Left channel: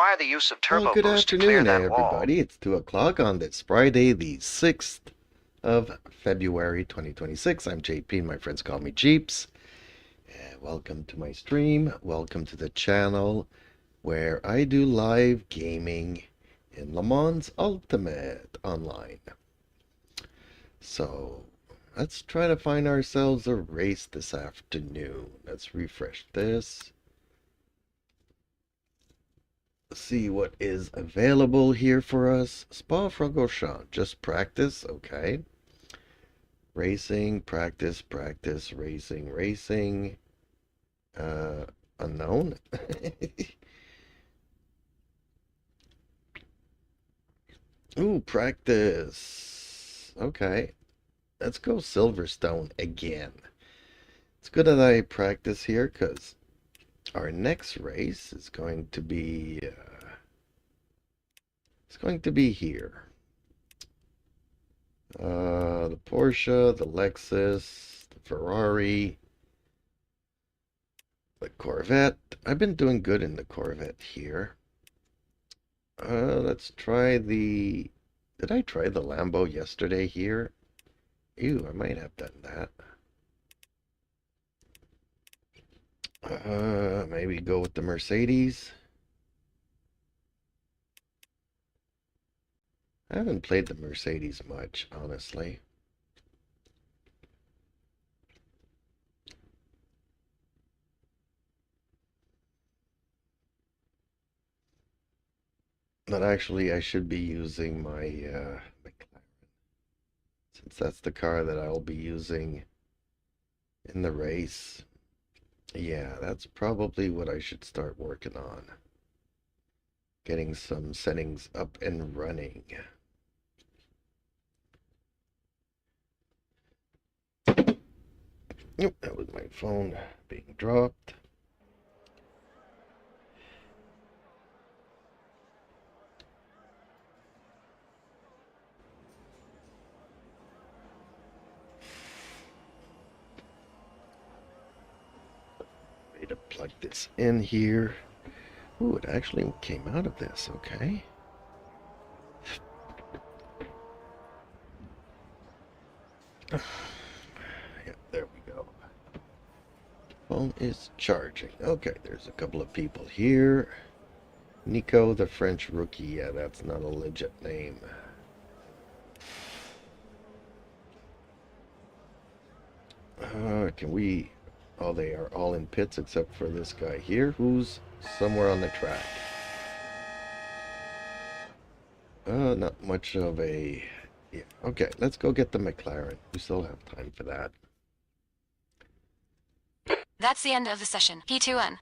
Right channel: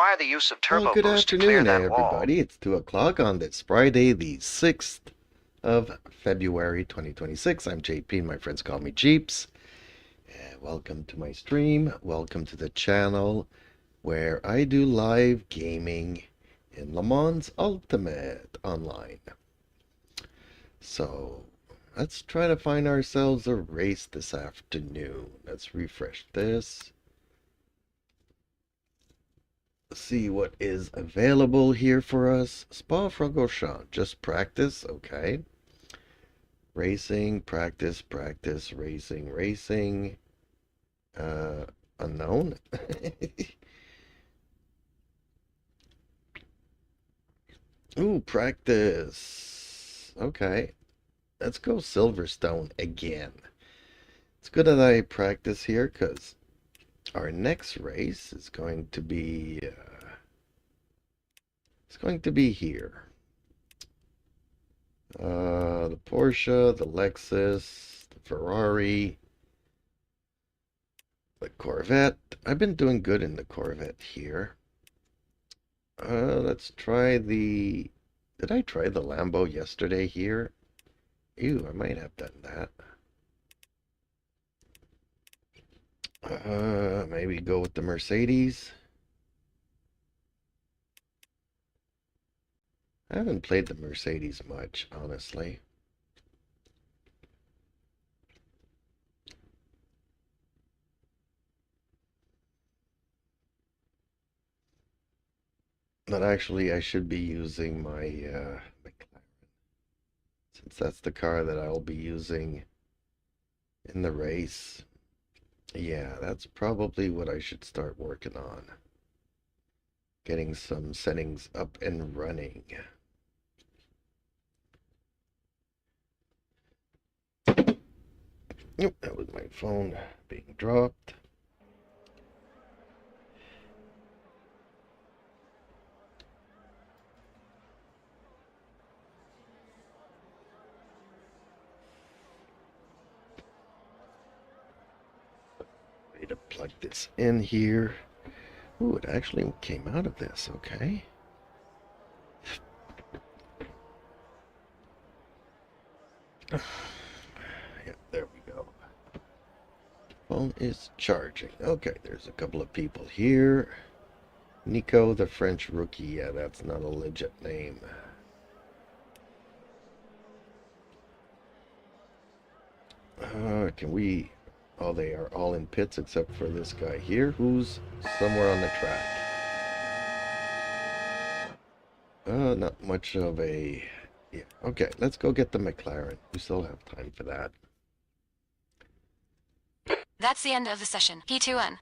require the use of turbo Well, good boost to clear afternoon, that wall. everybody. It's 2 o'clock on this Friday, the 6th of February, 2026. I'm JP, and my friends call me Jeeps. Welcome to my stream. Welcome to the channel where I do live gaming in Le Mans Ultimate online. So, let's try to find ourselves a race this afternoon. Let's refresh this. See what is available here for us. Spa-Francorchamps, just practice, okay. Racing, practice, practice, racing. Unknown. Ooh, practice. Okay, let's go Silverstone again. It's good that I practice here because our next race is going to be here. The Porsche, the Lexus, the Ferrari, the Corvette. I've been doing good in the Corvette here. Let's try the... Did I try the Lambo yesterday here? Ew, I might have done that. Maybe go with the Mercedes. I haven't played the Mercedes much, honestly. But actually, I should be using my McLaren, since that's the car that I'll be using in the race. Yeah, that's probably what I should start working on. Getting some settings up and running. Yep, that was my phone being dropped. Way to plug this in here. Ooh, it actually came out of this, okay. Yeah, there we go. Phone is charging. Okay, there's a couple of people here. Nico, the French rookie. Yeah, that's not a legit name. Can we... Oh, they are all in pits except for this guy here, who's somewhere on the track. Not much of a... Yeah, okay, let's go get the McLaren. We still have time for that. That's the end of the session. P2N.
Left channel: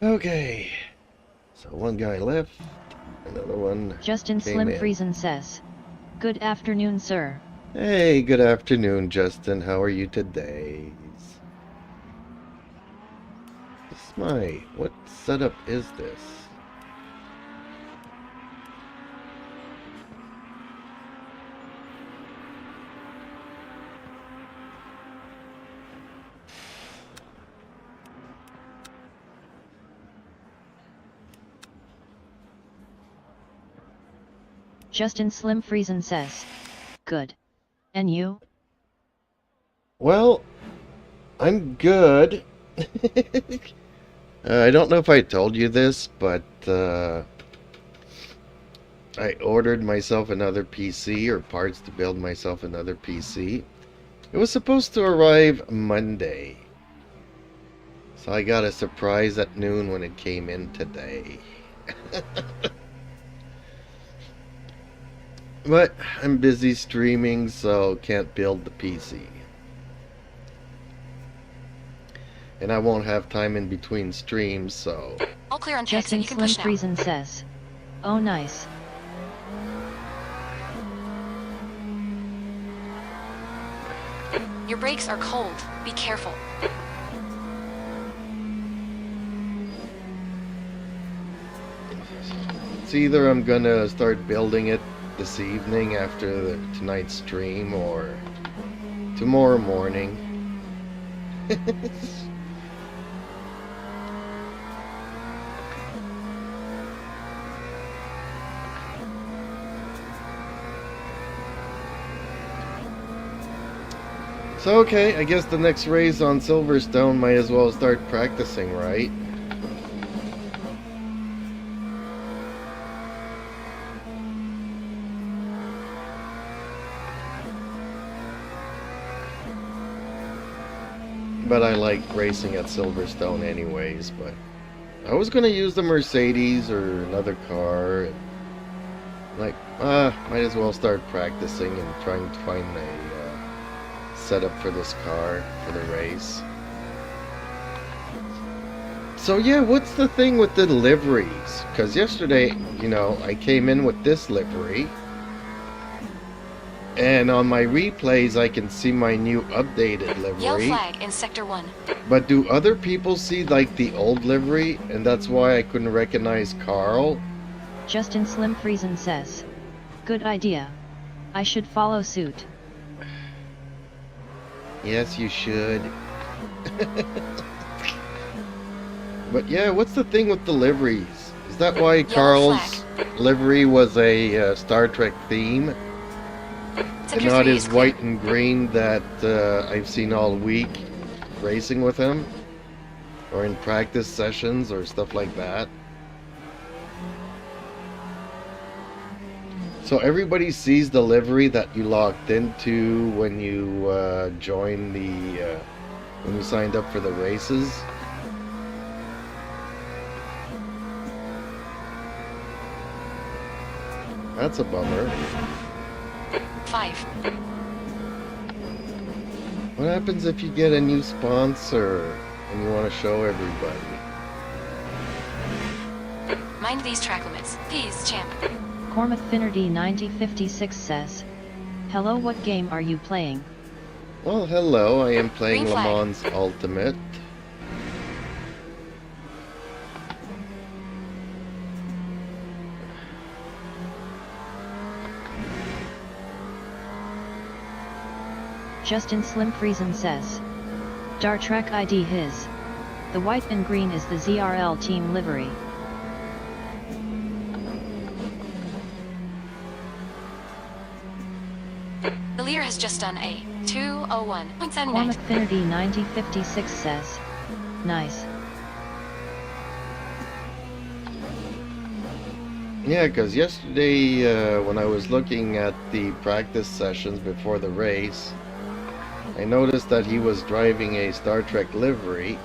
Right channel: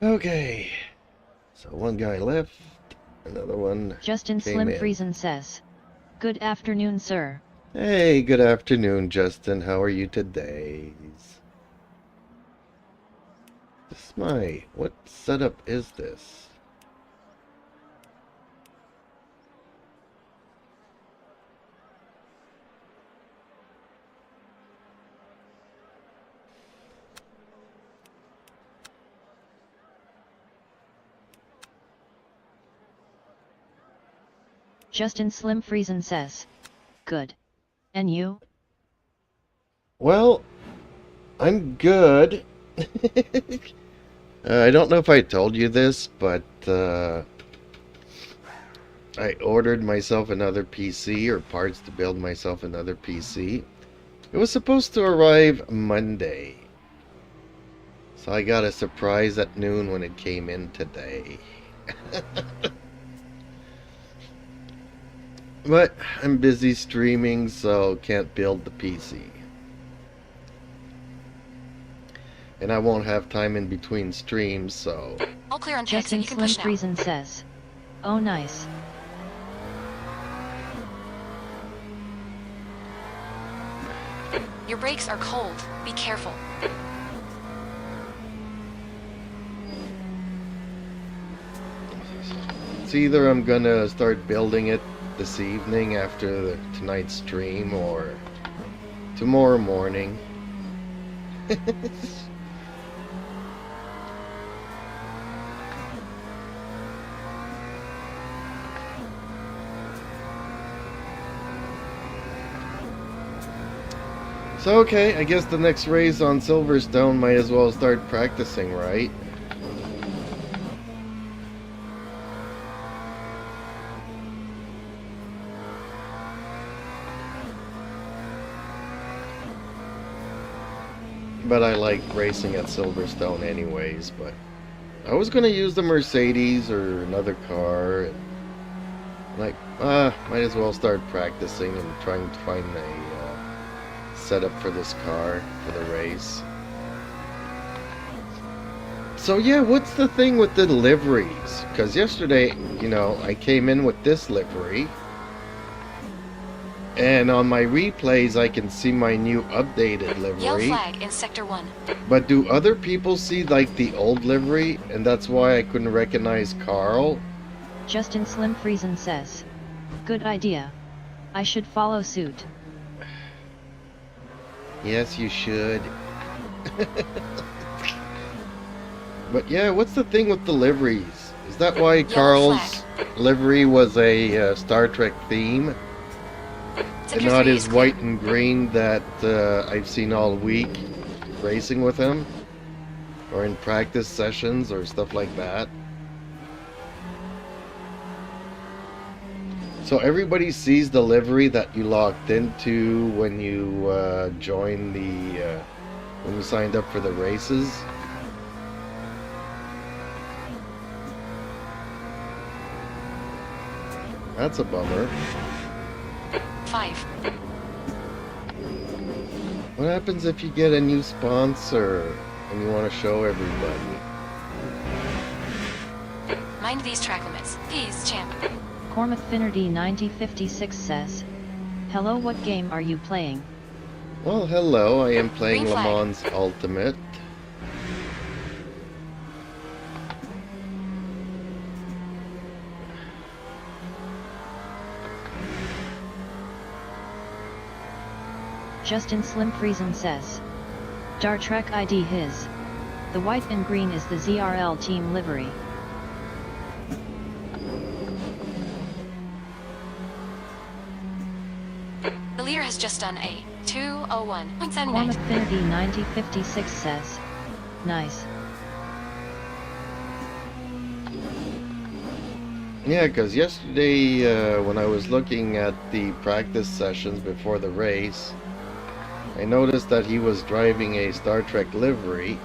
Okay, so one guy left, another one Justin came Slim in. Friesen says, "Good afternoon, sir." Hey, good afternoon, Justin. How are you today? What setup is this? Justin Slim Friesen says. Good. And you? Well, I'm good. I don't know if I told you this, but I ordered myself another PC, or parts to build myself another PC. It was supposed to arrive Monday. So I got a surprise at noon when it came in today. But I'm busy streaming, so can't build the PC. And I won't have time in between streams, so... All clear on pigs and Justin you can Slim push now. Friesen says. Oh nice. Your brakes are cold. Be careful. It's either I'm gonna start building it this evening after tonight's stream, or tomorrow morning. So okay, I guess the next race on Silverstone might as well start practicing, right? But I like racing at Silverstone anyways, but I was gonna use the Mercedes or another car, and like, might as well start practicing and trying to find a setup for this car for the race. So yeah, what's the thing with the liveries? Because yesterday, you know, I came in with this livery, and on my replays I can see my new updated Yellow livery. flag in Sector 1. But do other people see like the old livery, and that's why I couldn't recognize Carl? Justin Slim Friesen says. Good idea. I should follow suit. Yes, you should. But yeah, what's the thing with the liveries? Is that why Carl's livery was a Star Trek theme? And Sector not 3 his is white clear. and green that I've seen all week racing with him? Or in practice sessions or stuff like that? So everybody sees the livery that you locked into when you joined the... when you signed up for the races? That's a bummer. 5. What happens if you get a new sponsor and you want to show everybody? Mind these track limits. Peace, champ. Cormac Finnerty 9056 says. Hello, what game are you playing? Well, hello, I am playing Green Le flag. Mans Ultimate. Justin Slim Friesen says. Star Trek ID his. The white and green is the ZRL team livery. The leader has just done a 2:01.79. Cormac Finnerty 9056 says. Nice. Yeah, because yesterday when I was looking at the practice sessions before the race, I noticed that he was driving a Star Trek livery.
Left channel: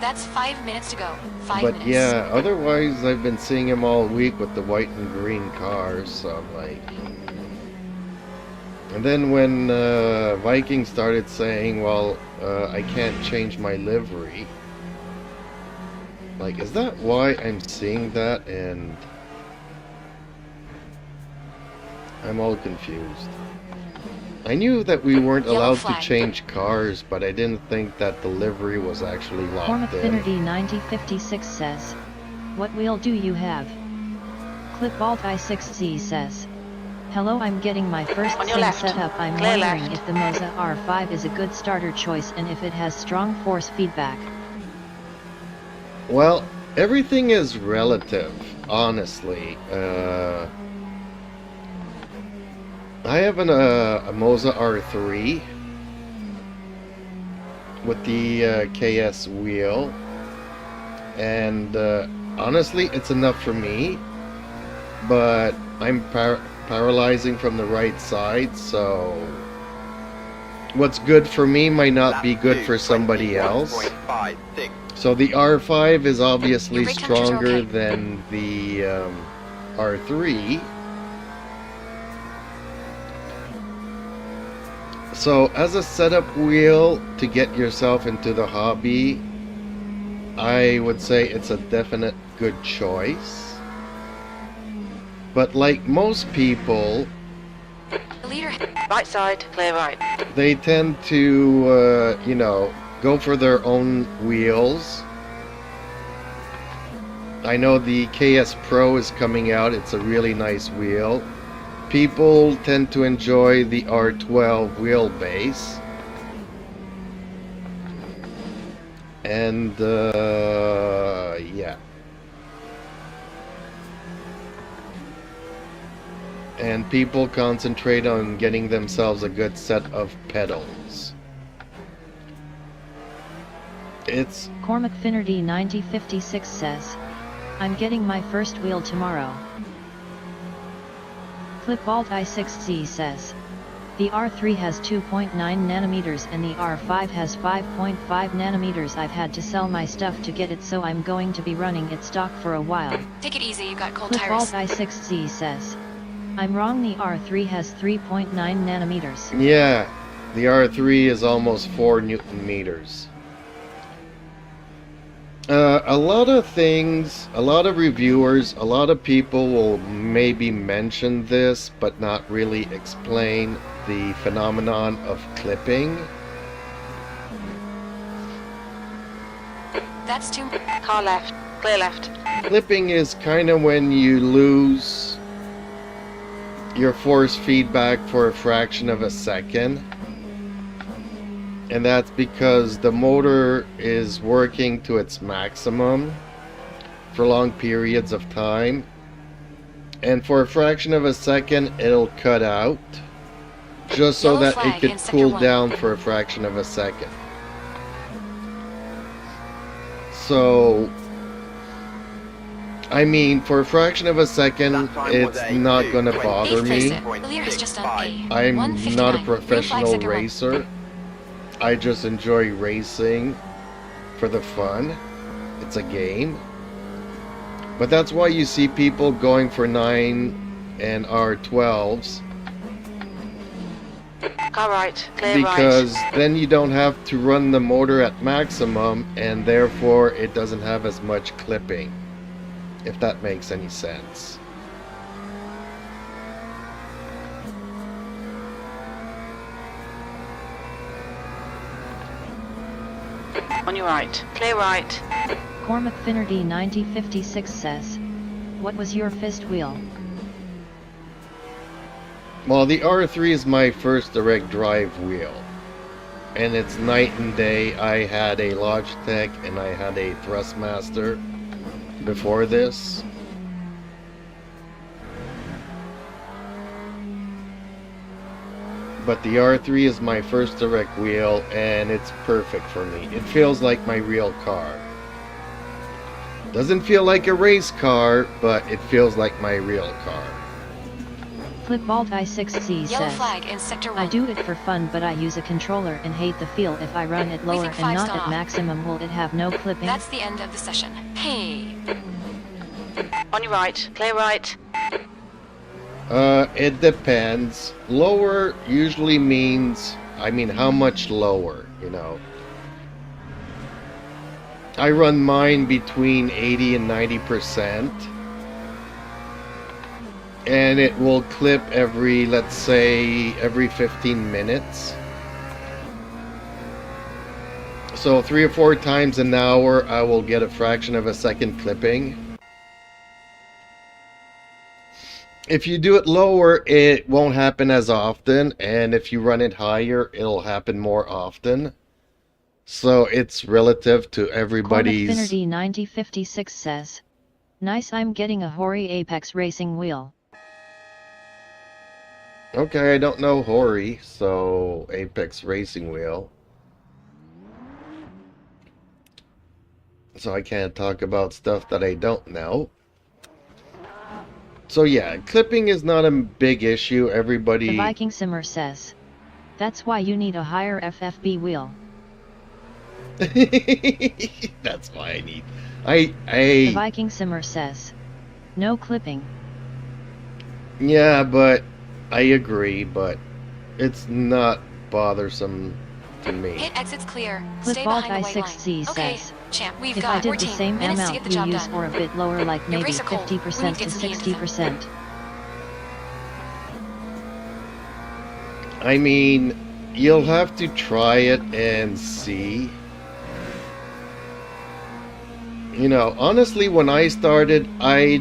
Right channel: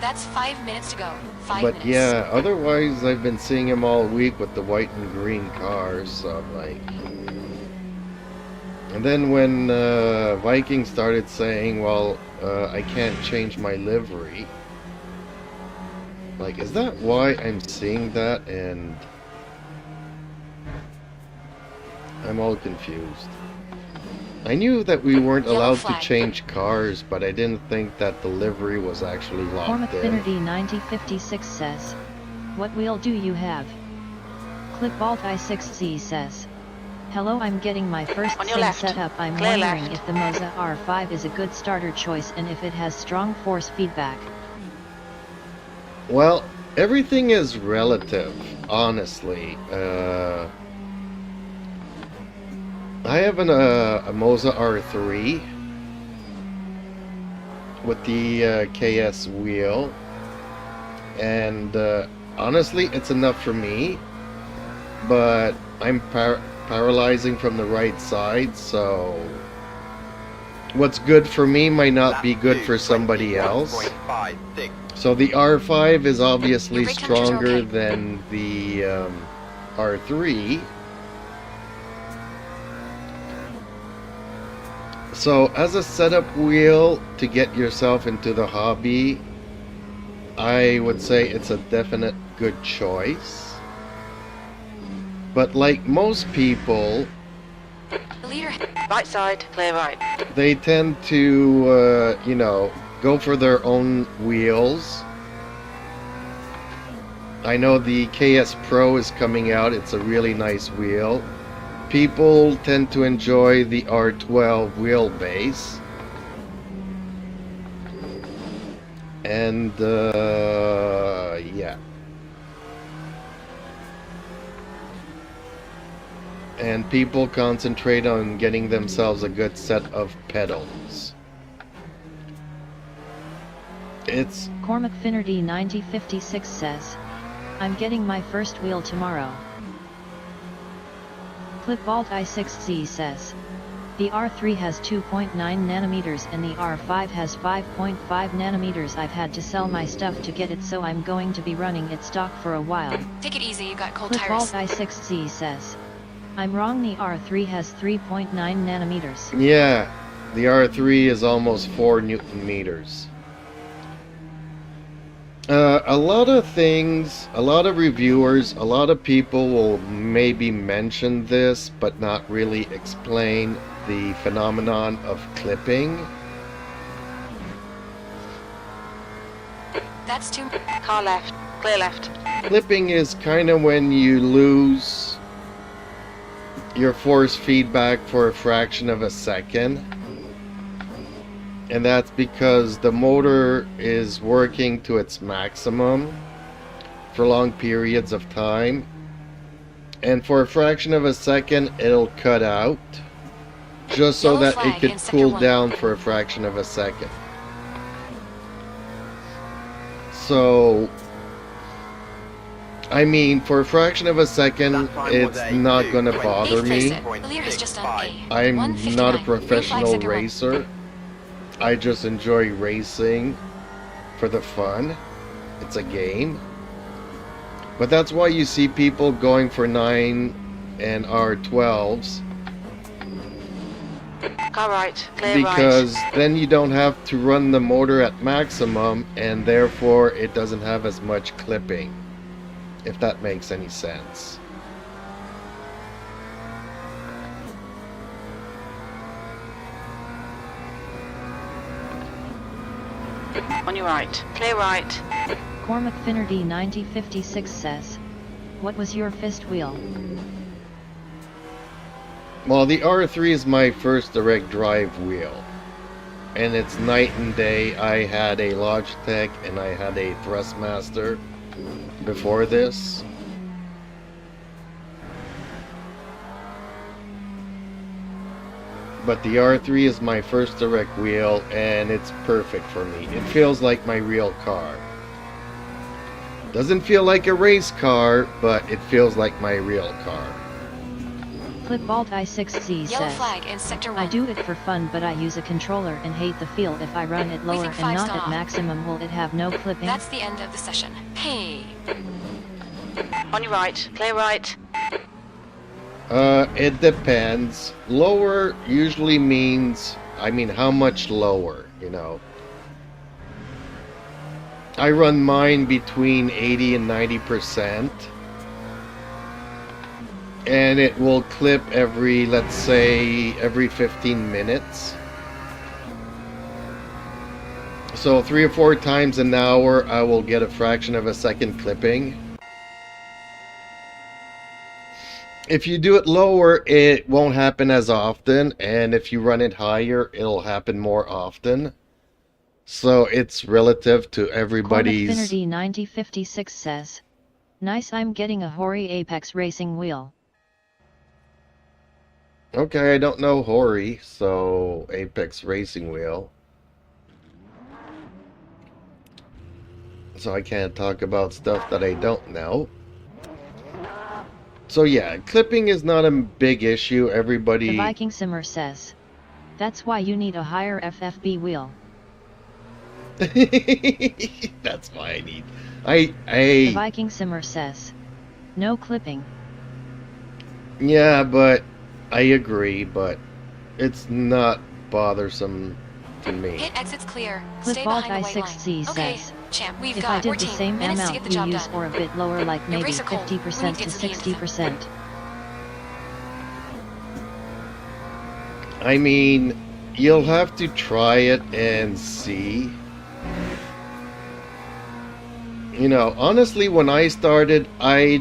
That's 5 minutes to go. 5 But minutes. yeah, otherwise I've been seeing him all week with the white and green cars, so I'm like... And then when Viking started saying, well, I can't change my livery, like, is that why I'm seeing that? And I'm all confused. I knew that we weren't Yellow allowed to flag. change cars, but I didn't think that the livery was actually Cormac locked in. Finnerty 9056 says. What wheel do you have? Clipbolt i6z says. Hello, I'm getting my first On your sim left. set up. I'm Clear wondering left. if the Moza R5 is a good starter choice and if it has strong force feedback. Well, everything is relative, honestly. I have a Moza R3 with the KS wheel, and honestly, it's enough for me. But I'm paralyzing from the right side, so what's good for me might not be good for somebody else. So the R5 is obviously stronger than the R3. So as a setup wheel to get yourself into the hobby, I would say it's a definite good choice. But like most people, Leader, right side, clear right. they tend to, you know, go for their own wheels. I know the KS Pro is coming out. It's a really nice wheel. People tend to enjoy the R12 wheelbase. And, yeah. And people concentrate on getting themselves a good set of pedals. It's... Cormac Finnerty 9056 says, I'm getting my first wheel tomorrow. Clipbolt i6Z says, the R3 has 2.9 nanometers and the R5 has 5.5 nanometers. I've had to sell my stuff to get it, so I'm going to be running it stock for a while. Take it easy, you got cold Clipbolt tires. i6Z says, I'm wrong, the R3 has 3.9 nanometers. Yeah, the R3 is almost 4 Newton meters. A lot of things, a lot of reviewers, a lot of people will maybe mention this, but not really explain the phenomenon of clipping. That's too... Car left, clear left. Clipping is kind of when you lose your force feedback for a fraction of a second. And that's because the motor is working to its maximum for long periods of time. And for a fraction of a second, it'll cut out, just so that it could cool down for a fraction of a second. So, I mean, for a fraction of a second, it's not going to bother me. I'm not a professional racer. I just enjoy racing for the fun. It's a game. But that's why you see people going for 9 and R12s. Car right, clear because right. Then you don't have to run the motor at maximum, and therefore it doesn't have as much clipping, if that makes any sense. On your right, clear right. Cormac Finnerty 9056 says, what was your fist wheel? Well, the R3 is my first direct drive wheel, and it's night and day. I had a Logitech and I had a Thrustmaster before this. But the R3 is my first direct wheel, and it's perfect for me. It feels like my real car. Doesn't feel like a race car, but it feels like my real car. Clipbolt i6Z says, flag in sector 1. I do it for fun, but I use a controller and hate the feel. If I run it lower and not at maximum, will it have no clipping? That's the end of the session. Hey. On your right, clear right. It depends. Lower usually means, I mean, how much lower, you know? I run mine between 80 and 90%. And it will clip every, let's say, every 15 minutes. So 3 or 4 times an hour, I will get a fraction of a second clipping. If you do it lower, it won't happen as often, and if you run it higher, it'll happen more often. So it's relative to everybody's... Cormac Finnerty 9056 says, nice, I'm getting a Hori Apex racing wheel. Okay, I don't know Hori, so Apex Racing Wheel. So I can't talk about stuff that I don't know. So yeah, clipping is not a big issue. The Everybody... Viking Simmer says. That's why you need a higher FFB wheel. That's why I need... The Viking Simmer says. No clipping. Yeah, but I agree, but it's not bothersome to me. Hit exits clear. Stay Clipball behind the white line. I6C Okay, says. champ, we've If got I did 14 the same minutes to amount get the you job use done. or a bit lower, like Your maybe brakes are cold. We need 50% to to get some heat into them. 60%. I mean, you'll have to try it and see. You know, honestly, when I started, I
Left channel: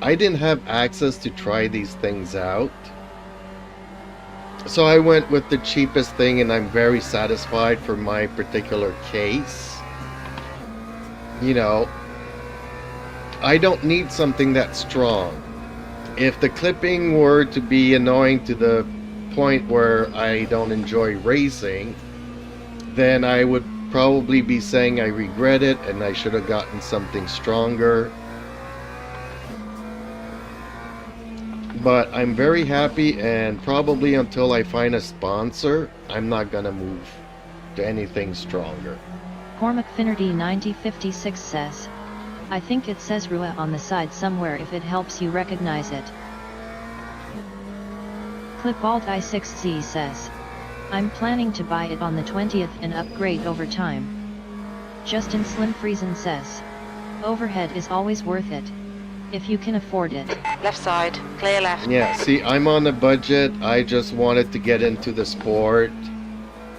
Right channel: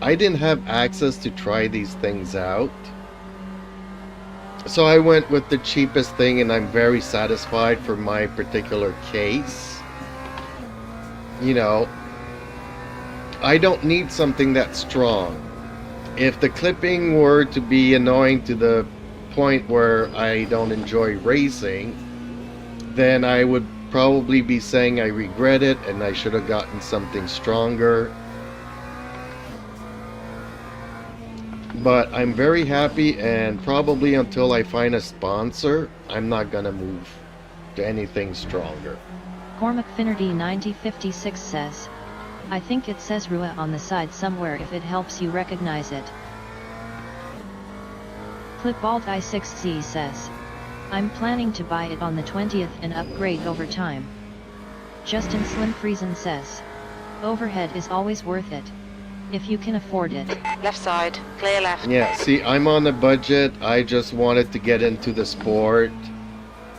didn't have access to try these things out. So I went with the cheapest thing, and I'm very satisfied for my particular case. You know, I don't need something that's strong. If the clipping were to be annoying to the point where I don't enjoy racing, then I would probably be saying I regret it and I should have gotten something stronger. But I'm very happy, and probably until I find a sponsor, I'm not gonna move to anything stronger. Cormac Finnerty 9056 says. I think it says Rua on the side somewhere if it helps you recognize it. Clipalt I6C says. I'm planning to buy it on the 20th and upgrade over time. Justin Slim Friesen says. Overhead is always worth it. If you can afford it. Left side, clear left. Yeah, see, I'm on a budget. I just wanted to get into the sport.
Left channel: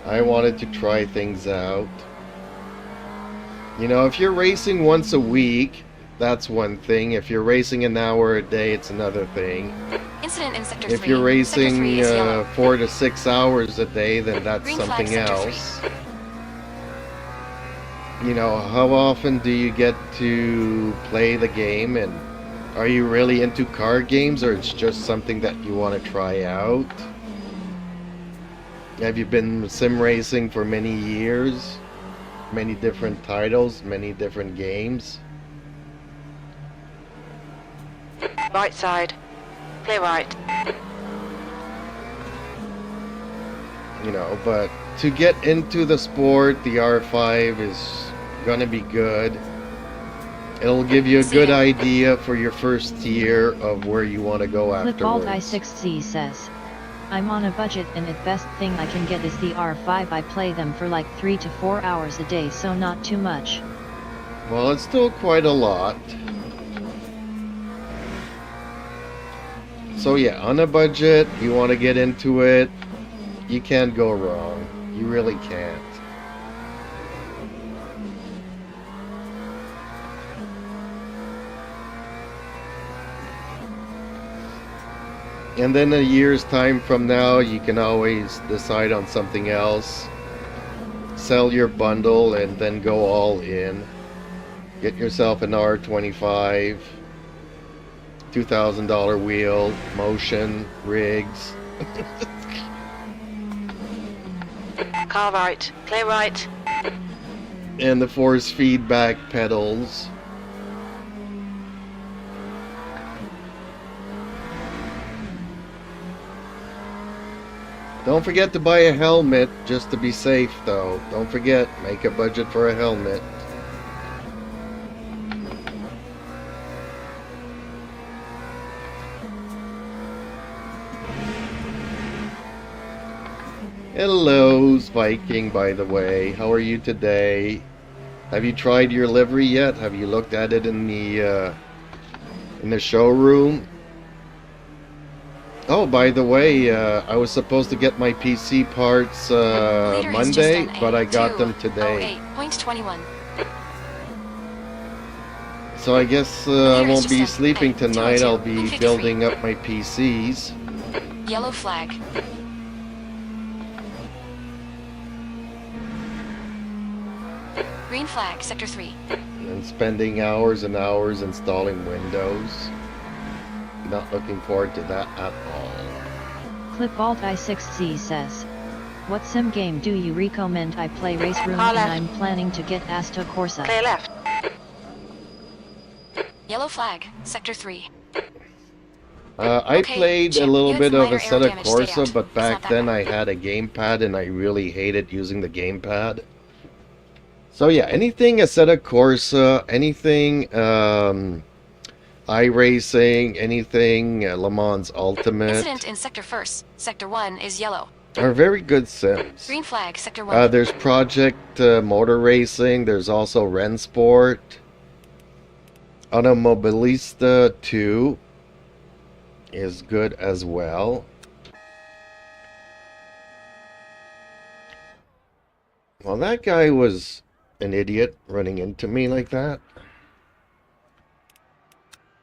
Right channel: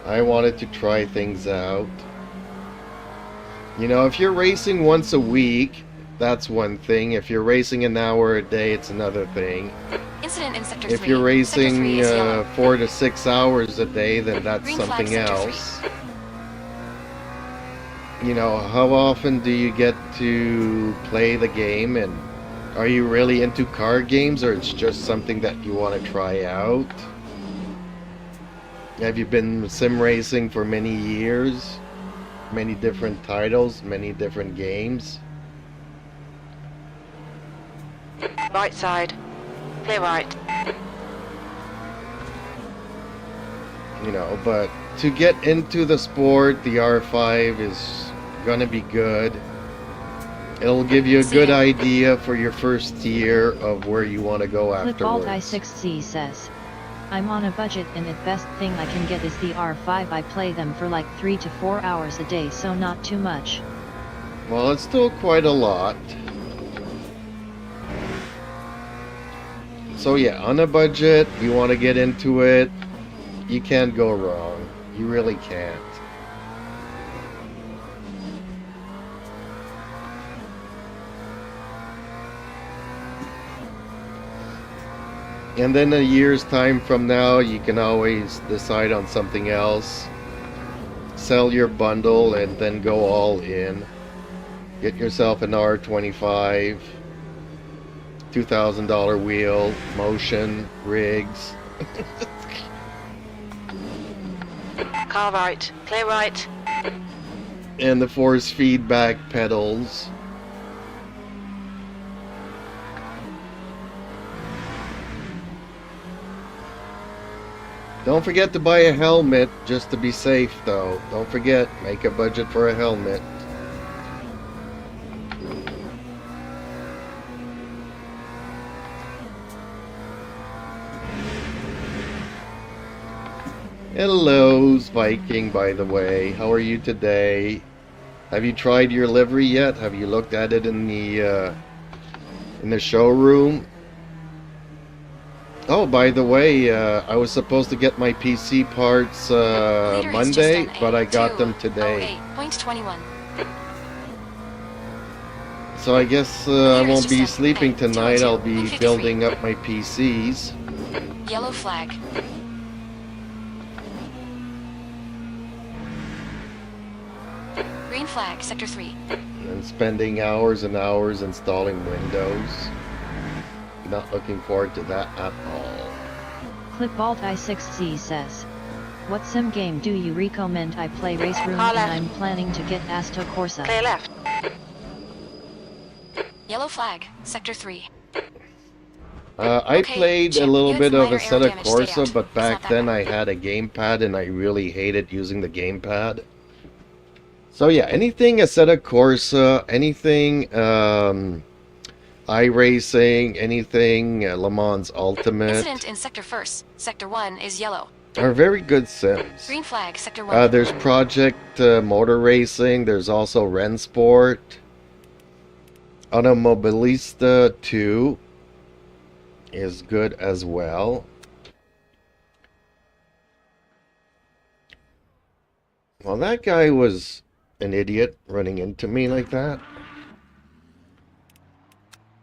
I wanted to try things out. You know, if you're racing once a week, that's one thing. If you're racing an hour a day, it's another thing. Incident in sector 3. If you're Sector 3 racing is yellow. 4 to 6 hours a day, then that's Green flag, something sector 3. else. You know, how often do you get to play the game, and are you really into car games, or it's just something that you want to try out? Have you been sim racing for many years? Many different titles, many different games? Right side, clear right. You know, but to get into the sport, the R5 is gonna be good. It'll give you a good idea for your first year of where you want to go Clipball afterwards. I6C says. I'm on a budget and the best thing I can get is the R5. I play them for like 3 to 4 hours a day, so not too much. Well, it's still quite a lot. So yeah, on a budget, you want to get into it, you can't go wrong. You really can't. And then a year's time from now, you can always decide on something else. Sell your bundle and then go all in. Get yourself an R25, $2,000 wheel, motion, rigs. Car right, clear right. And the force feedback pedals. Don't forget to buy a helmet just to be safe, though. Don't forget, make a budget for a helmet. Hello, Viking, by the way. How are you today? Have you tried your livery yet? Have you looked at it in the showroom? Oh, by the way, I was supposed to get my PC parts Monday, but I got them today. 08.21. So I guess I won't be sleeping tonight. I'll be building up my PCs. Yellow flag. Green flag, sector 3. And spending hours and hours installing Windows. Not looking forward to that at all. Clipalt I6Z says, what sim game do you recommend I play? Race Room, Car and left. I'm planning to get Assetto Corsa. Clear left. Yellow flag, sector 3. I Okay, played a Chip, little you had bit some of minor aero Assetto damage, stay Corsa, out. but It's back not that then bad. I had a gamepad and I really hated using the gamepad. So yeah, anything Assetto Corsa, anything iRacing, anything Le Mans Ultimate Incident in sector 1st. Sector 1 is yellow. are very good sims. Green flag, sector 1. There's Project Motor Racing, there's also Rensport, Automobilista 2 is good as well. Well, that guy was an idiot running into me like that.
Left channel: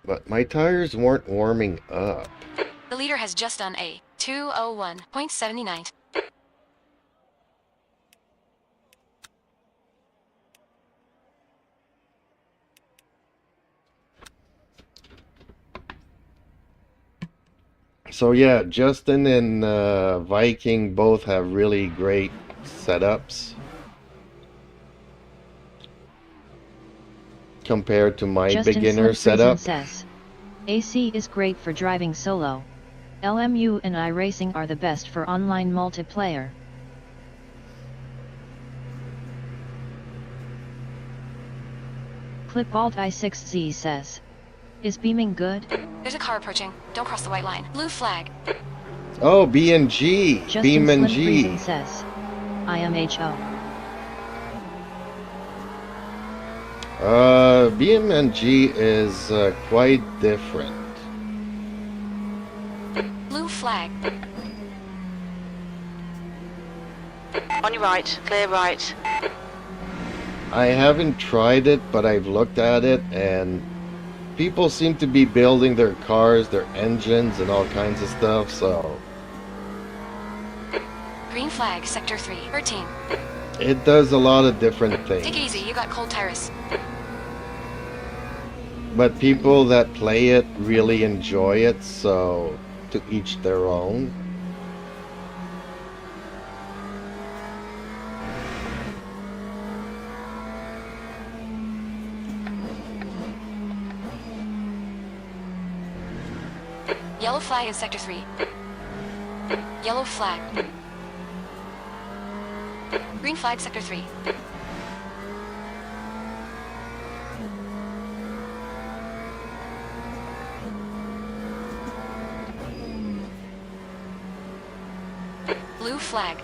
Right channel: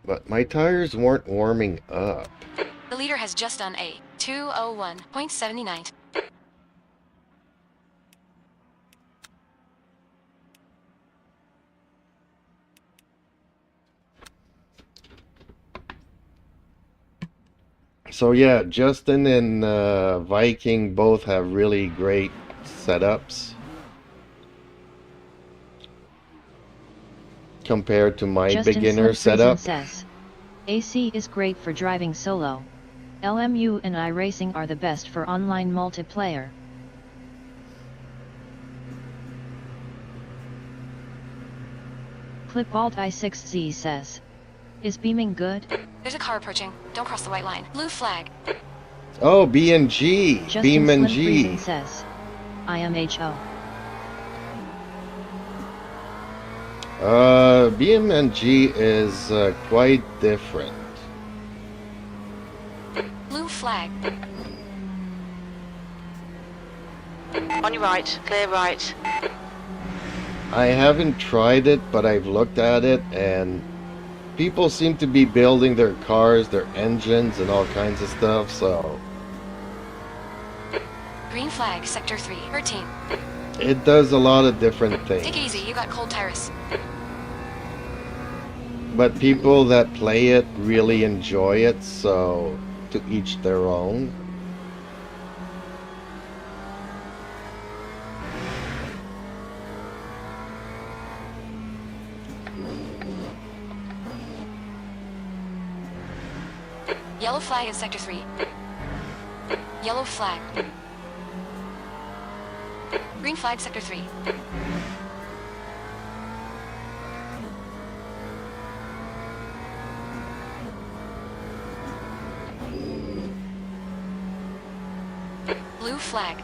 But my tires weren't warming up. The leader has just done a 201.79. So yeah, Justin and Viking both have really great setups compared to my Justin beginner Slim Friesen setup. says, AC is great for driving solo. LMU and iRacing are the best for online multiplayer. Clipalt I6Z says, is beaming good? There's a car approaching. Don't cross the white line. Blue flag. Oh, B&G, Justin Beam and Slim G. Friesen says, IMHO. BM&G is quite different. Blue flag. On your right. Clear right. I haven't tried it, but I've looked at it, and people seem to be building their cars, their engines, and all kinds of stuff, so Green flag, sector 3. 13. it does a lot of different things. Take it easy, you got cold tires. But people that play it really enjoy it, so to each their own. Yellow flag in sector 3. Yellow flag. Green flag, sector 3. Blue flag.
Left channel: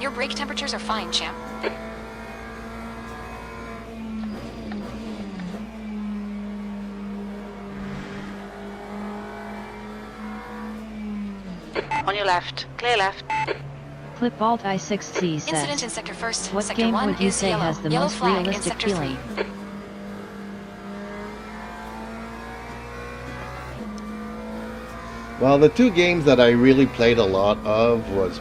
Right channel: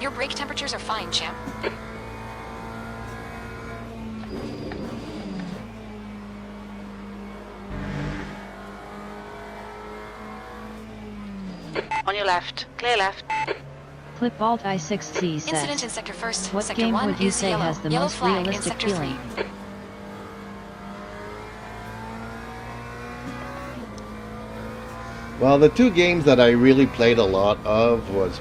Your brake temperatures are fine, champ. On your left. Clear left. Clipalt I6Z says, Incident in sector 1st. what sector game 1 would you is say yellow. has the Yellow most flag in realistic sector feeling? 3. Well, the two games that I really played a lot of was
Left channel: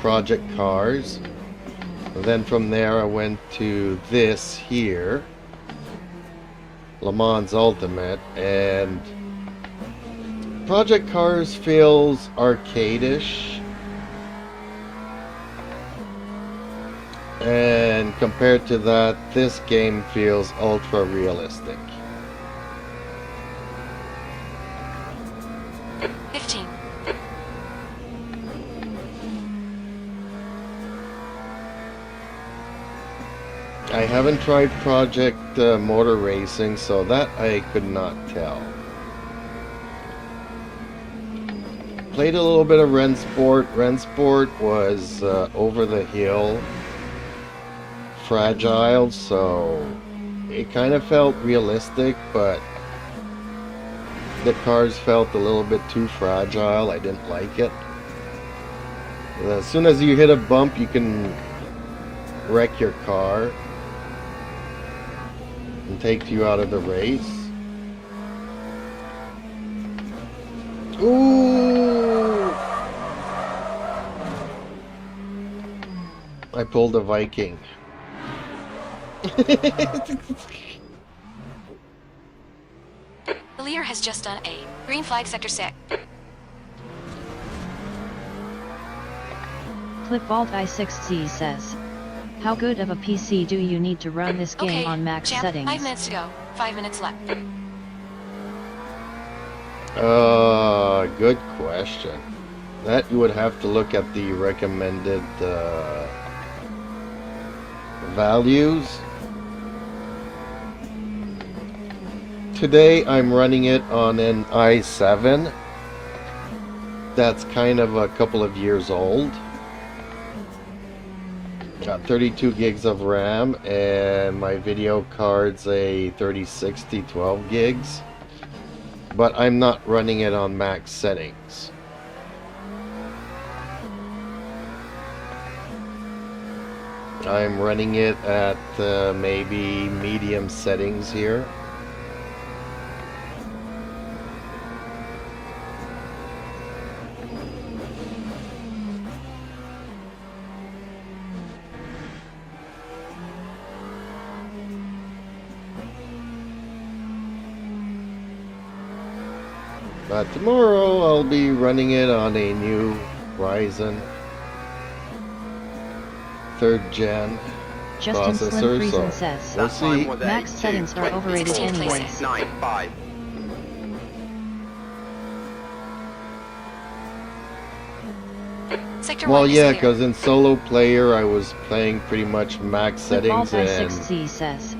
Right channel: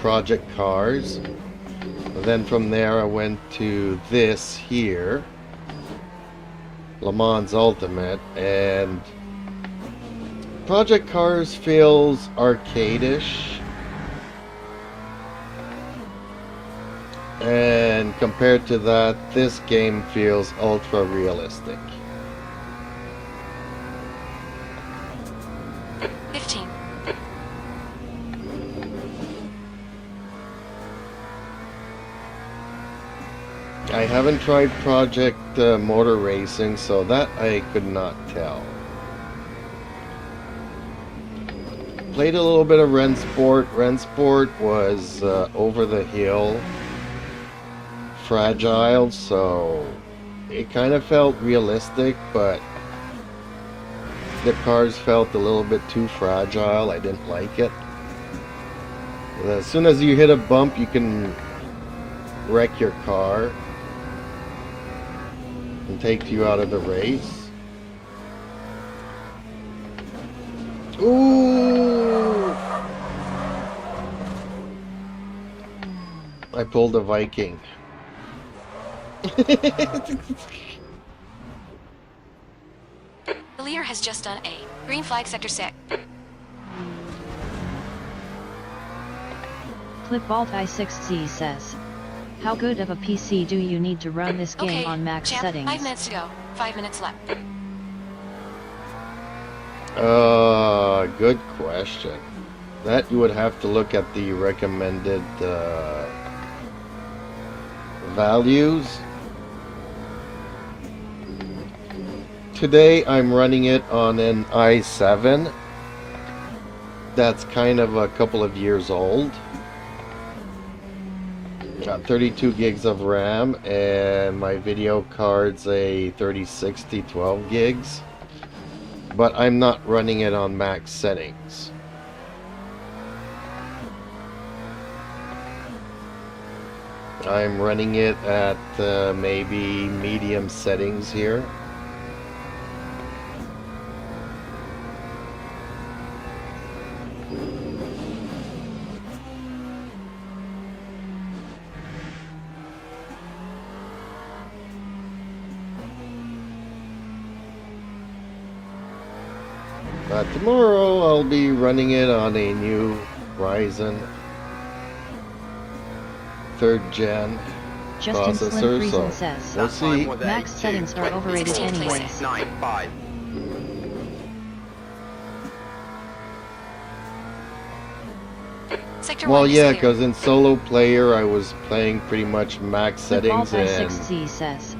Project Cars. Then from there I went to this here, Le Mans Ultimate, and Project Cars feels arcade-ish. And compared to that, this game feels ultra realistic. 15. I haven't tried Project Motor Racing, so that I could not tell. Played a little bit of Rensport. Rensport was over the hill, fragile, so it kind of felt realistic, but the cars felt a little bit too fragile. I didn't like it. As soon as you hit a bump, you can wreck your car and take you out of the race. Ooh! I pulled a Viking. The leader has has just done A. Green flag sector 6. Clipvault i6z says, how good of a PC do you need to run this game Okay, on max champ, settings? 5 minutes to go. 5 minutes left. Good question. That you would have to look at the recommended values. Today I'm running it on an i7 that's kind of a couple of years old. Got 32 gigs of RAM and my video card's a 3060 12 gigs. But I'm not running it on max settings. I'm running it at maybe medium settings here. But tomorrow I'll be running it on a new Ryzen 3rd gen Justin Slim processor, Friesen so says, we'll see. max settings are overrated 16 anyways. places. 9-5. Sector Well, 1 is yeah, clear. because in solo player I was playing pretty much max Clipvault settings and i6z says,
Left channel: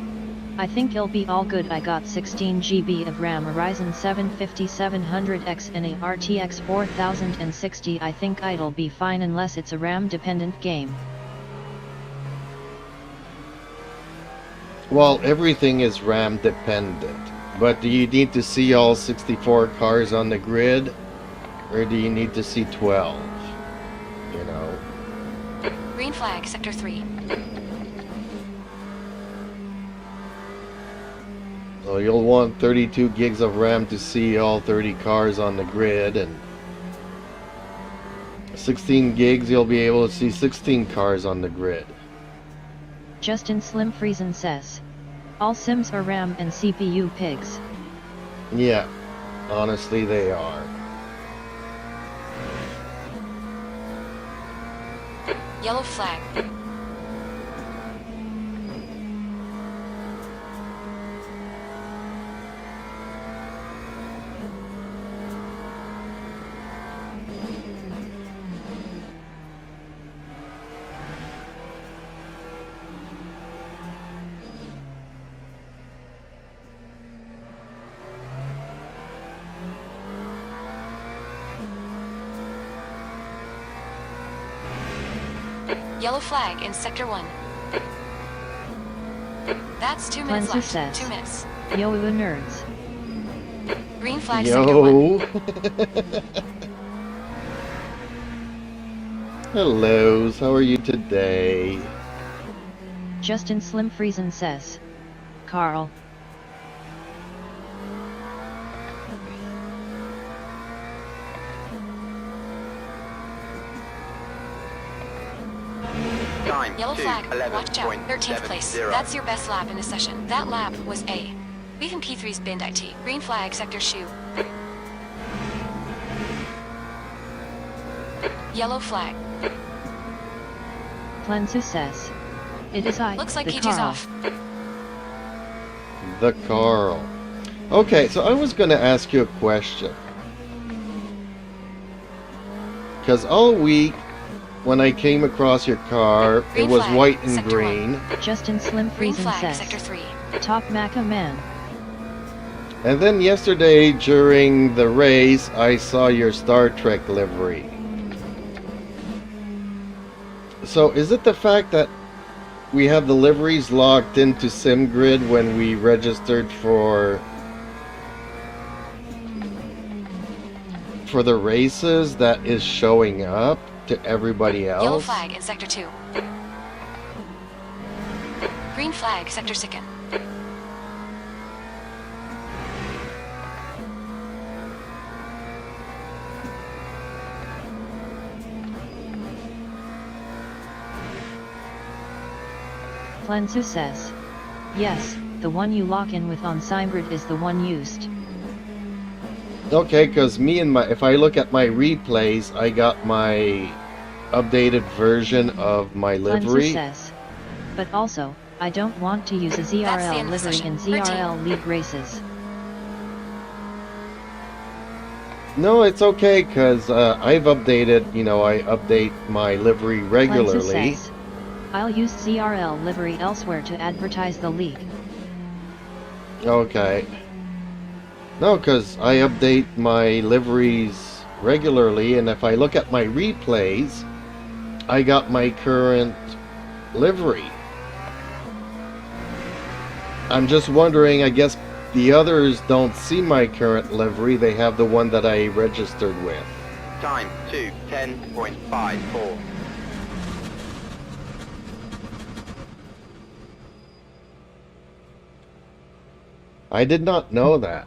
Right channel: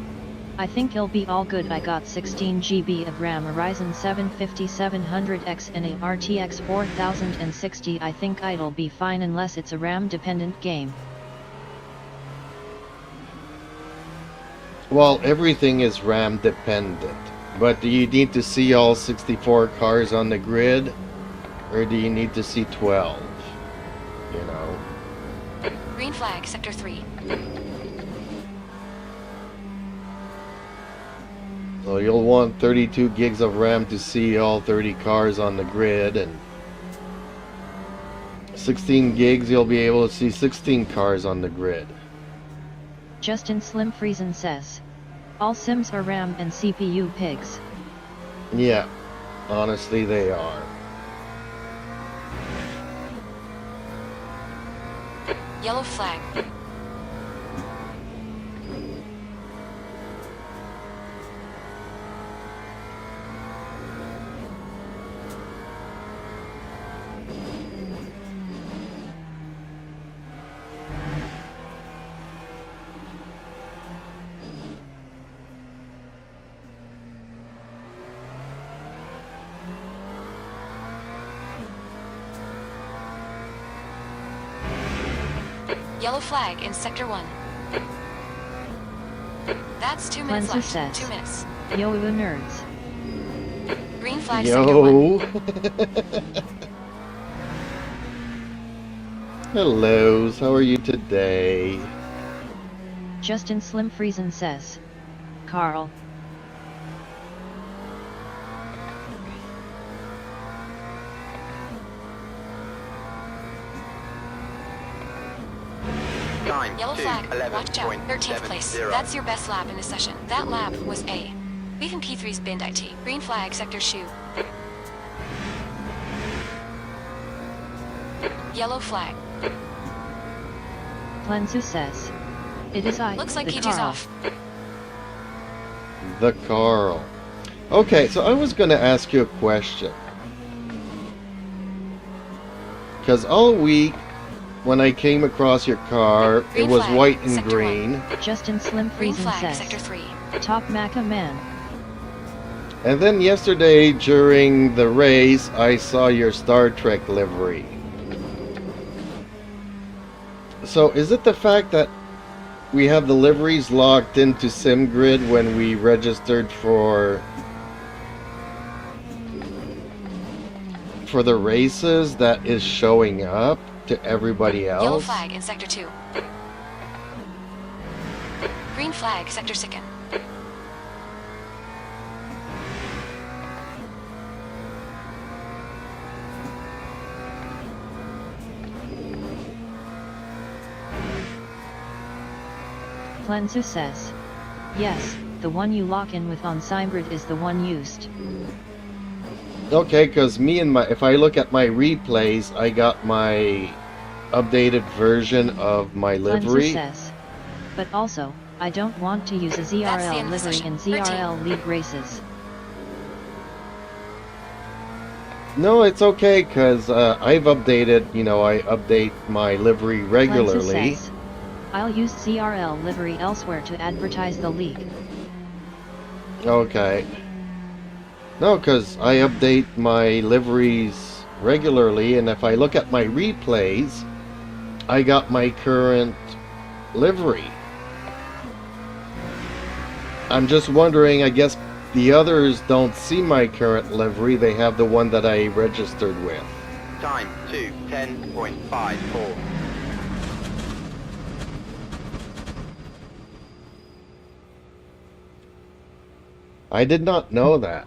I think it'll be all good. I got 16 GB of RAM, a Ryzen 7 5700X and a RTX 4060. I think it'll be fine unless it's a RAM dependent game. well, everything is RAM dependent. But do you need to see all 64 cars on the grid, or do you need to see 12? You know. Green flag sector 3. So you'll want 32 gigs of RAM to see all 30 cars on the grid, and 16 gigs you'll be able to see 16 cars on the grid. Justin Slim Friesen says, all Sims are RAM and CPU pigs. Yeah, honestly they are. Yellow flag. Yellow flag in sector 1. That's 2 minutes Cleanser left. says, 2 minutes. yo nerds. Green flag sector 1. Yo! Hellos, how are you today? Justin Slim Friesen says, Carl. Yellow flag. Watch out. 13th place. That's your best lap in the session. That lap was A. Beef and P3's binned IT. Green flag sector shoe. Yellow flag. Cleanser says, it is I, Looks like the Peaches Carl. off. The Carl. Okay, so I was going to ask you a question. Because all week, when I came across your car, Green it was flag, white and sector green. Justin Slim Green Friesen flag says, sector 3. top Maca man. And then yesterday, during the race, I saw your Star Trek livery. So is it the fact that we have the liveries logged into SimGrid when we registered for the races that is showing up to everybody else? Yellow flag in sector 2. Green flag sector 2nd. Cleanser says, yes, the one you lock in with on SimGrid is the one used. Okay, because if I look at my replays, I got my updated version of my Cleanser livery. says. But also, I don't want to use a That's the ZRL end of the livery session. in Routine. ZRL League races. No, it's okay, because I've updated, I update my livery Cleanser regularly. says. I'll use ZRL livery elsewhere to advertise the league. Okay. No, because I update my liveries regularly, and if I look at my replays, I got my current livery. I'm just wondering, I guess the others don't see my current livery, they have the one that I registered with. Time 2:10.54. I did not know that.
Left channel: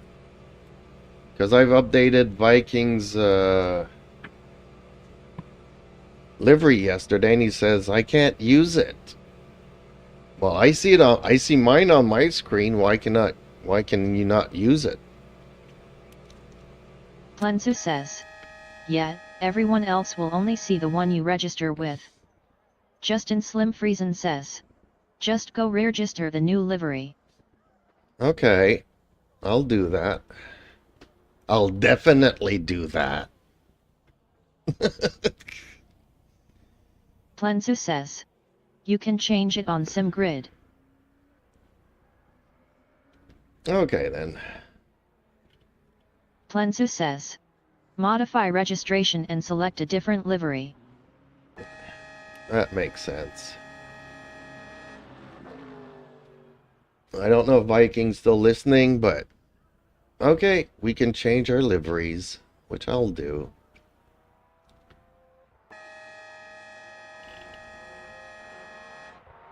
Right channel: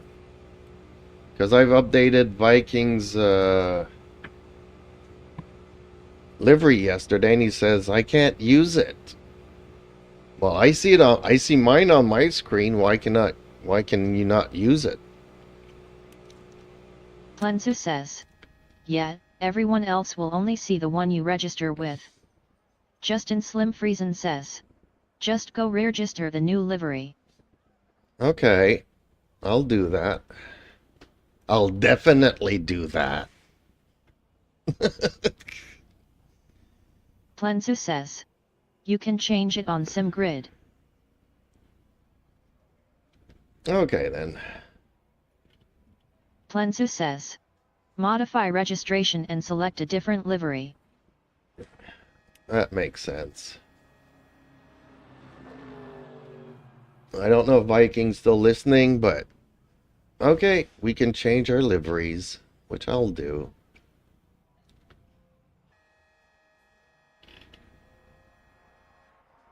Because I've updated Viking's livery yesterday, and he says I can't use it. Well, I see mine on my screen. Why can you not use it? Cleanser says. Yeah, everyone else will only see the one you register with. Justin Slim Friesen says. Just go register the new livery. Okay, I'll do that. I'll definitely do that. Cleanser says. You can change it on SimGrid. Okay then. Cleanser says. Modify registration and select a different livery. That makes sense. I don't know if Viking's still listening, but okay, we can change our liveries, which I'll do.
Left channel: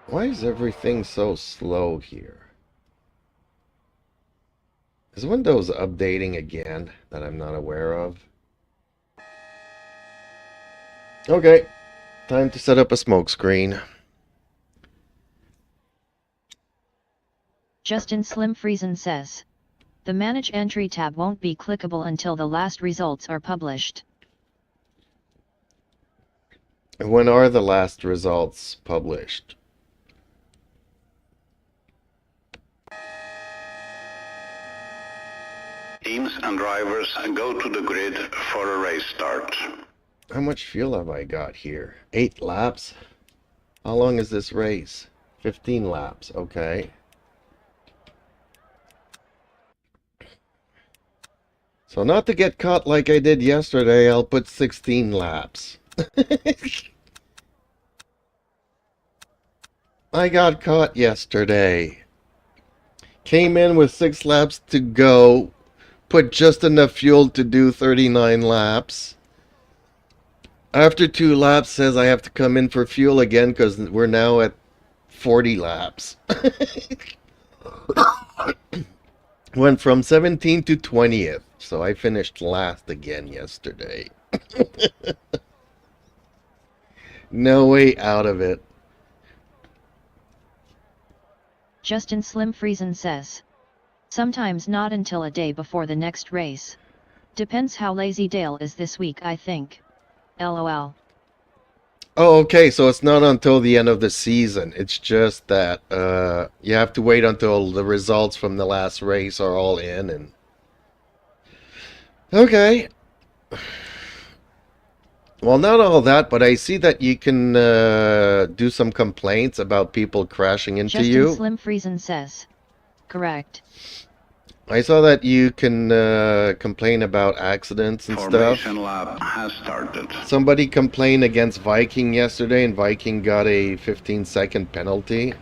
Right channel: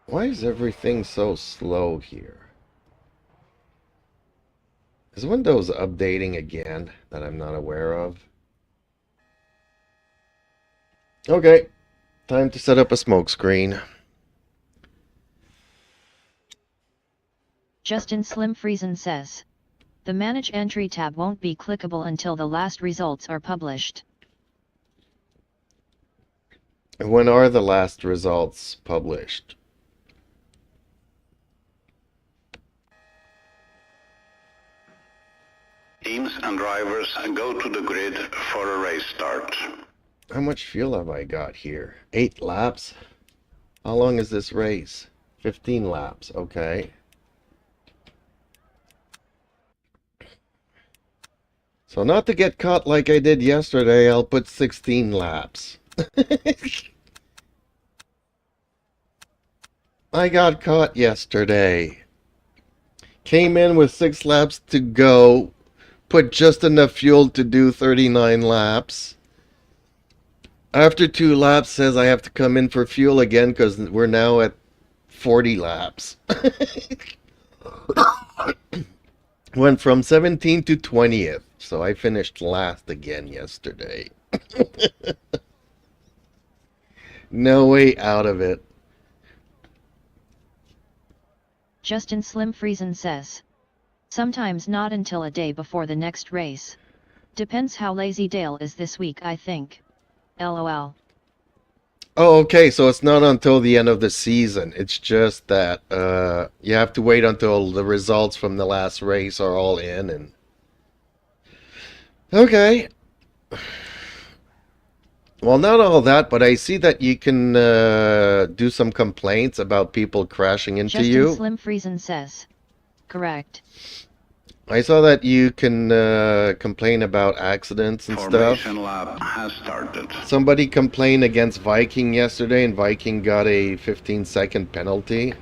Why is everything so slow here? Is Windows updating again that I'm not aware of? Okay, time to set up a smoke screen. Justin Slim Friesen says. The Manage Entry tab won't be clickable until the last results are published. When are the last results published? Teams and drivers go to the grid for a race start. How much fuel have I got here? 8 laps? How long is this race? 15 laps, okay. So not to get caught like I did yesterday, I'll put 16 laps. I got caught yesterday. Came in with 6 laps to go. Put just enough fuel to do 39 laps. After 2 laps says I have to come in for fuel again because we're now at 40 laps. Went from 17th to 20th. So I finished last again yesterday. No way out of it. Justin Slim Friesen says. Sometimes not until a day before the next race. Depends how lazy Dale is this week, I think. LOL. Oh, okay, so it's not until the end of the season. It's just that you have to wait until the results from the last race are all in. And okay. Well, not all that, but I see that you can do some complaints about people crashing into Justin you. Slim Friesen says. Correct. I saw that you can complain about accidents and stuff. Formation lap has started. Somebody complained against Viking yesterday, and Viking got a 15-second penalty.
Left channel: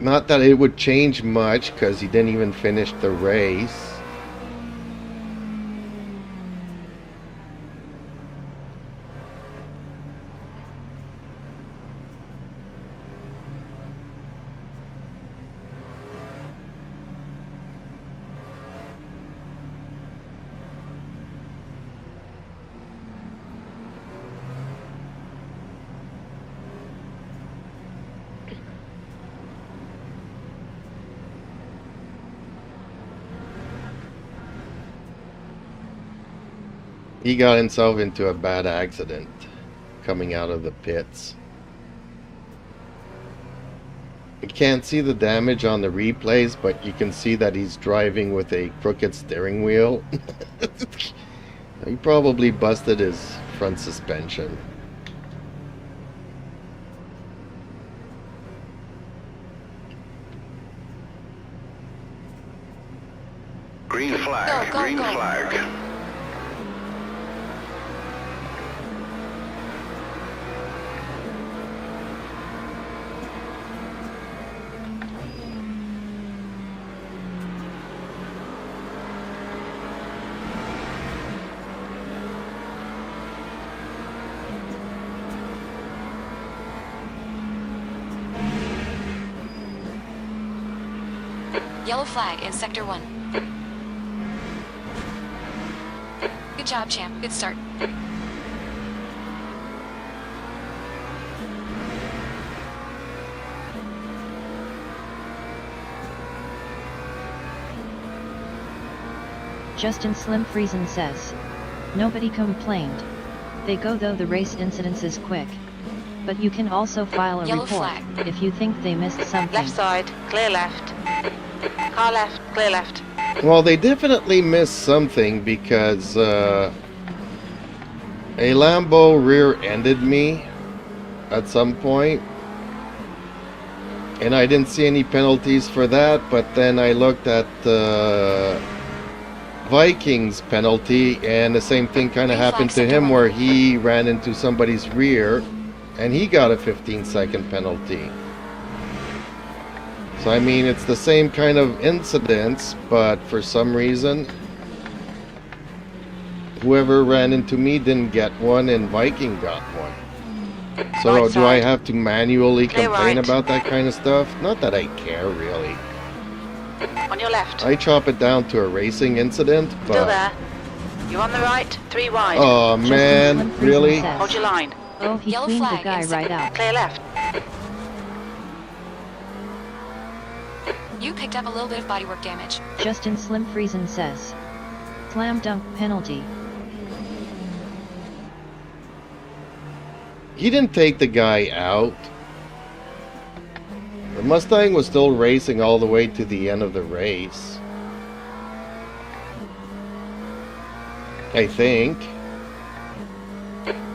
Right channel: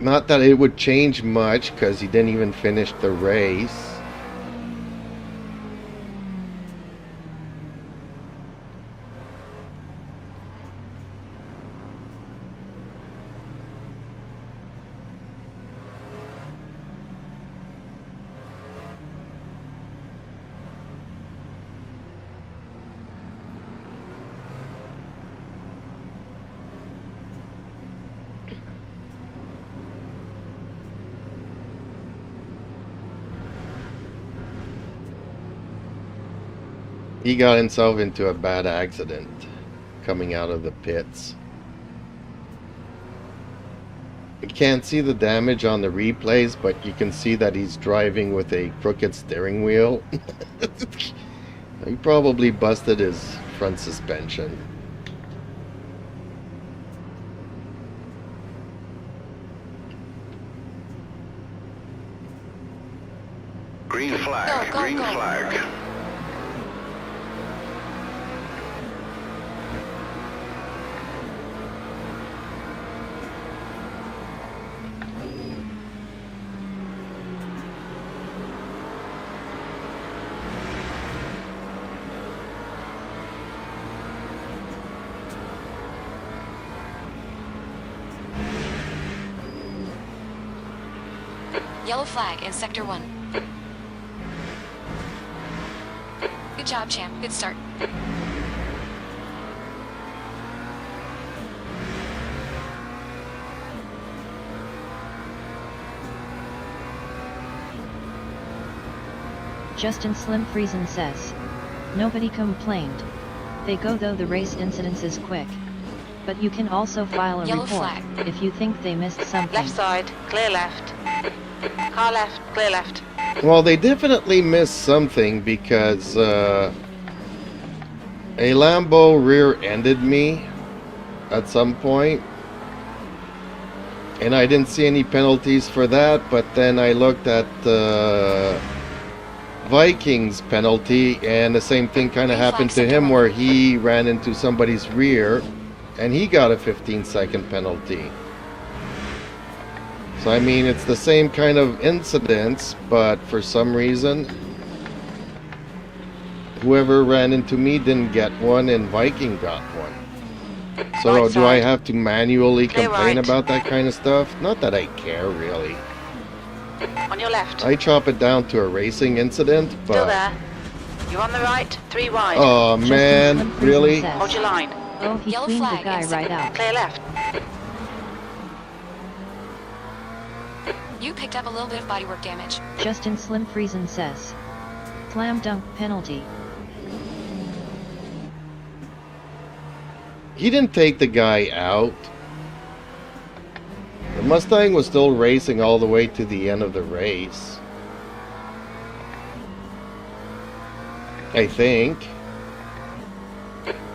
Not that it would change much, because he didn't even finish the race. He got himself into a bad accident coming out of the pits. You can't see the damage on the replays, but you can see that he's driving with a crooked steering wheel. He probably busted his front suspension. Green flag, Go, go, green go. flag. Yellow flag in Sector 1. Good job, champ. Good start. Justin Slim Friesen says. Nobody complained. They go though the race incidents is quick. But you can also file a Yellow report flag. if you think they missed something. Left side, clear left. Car left, clear left. Well, they definitely missed something because a Lambo rear-ended me at some point, and I didn't see any penalties for that. But then I looked at the Vikings penalty, and the same thing kind of Green happened flag, to him, sector where he ran into somebody's rear, and he got a 15-second penalty. So I mean, it's the same kind of incidents, but for some reason, whoever ran into me didn't get one, and Viking got one. So Right do I side. have to manually Clear complain right. about that kind of stuff? Not that I care, really. On your left. I chop it down to a racing incident, Still but... there. You're on the right, 3 wide. Oh, Justin man, Slim Friesen really? says. Hold your line. Oh, he Yellow cleaned the flag guy in right out. Clear left. You picked up a little bit of bodywork damage. Justin Slim Friesen says. Slam dunk penalty. He didn't take the guy out. The Mustang was still racing all the way to the end of the race, I think.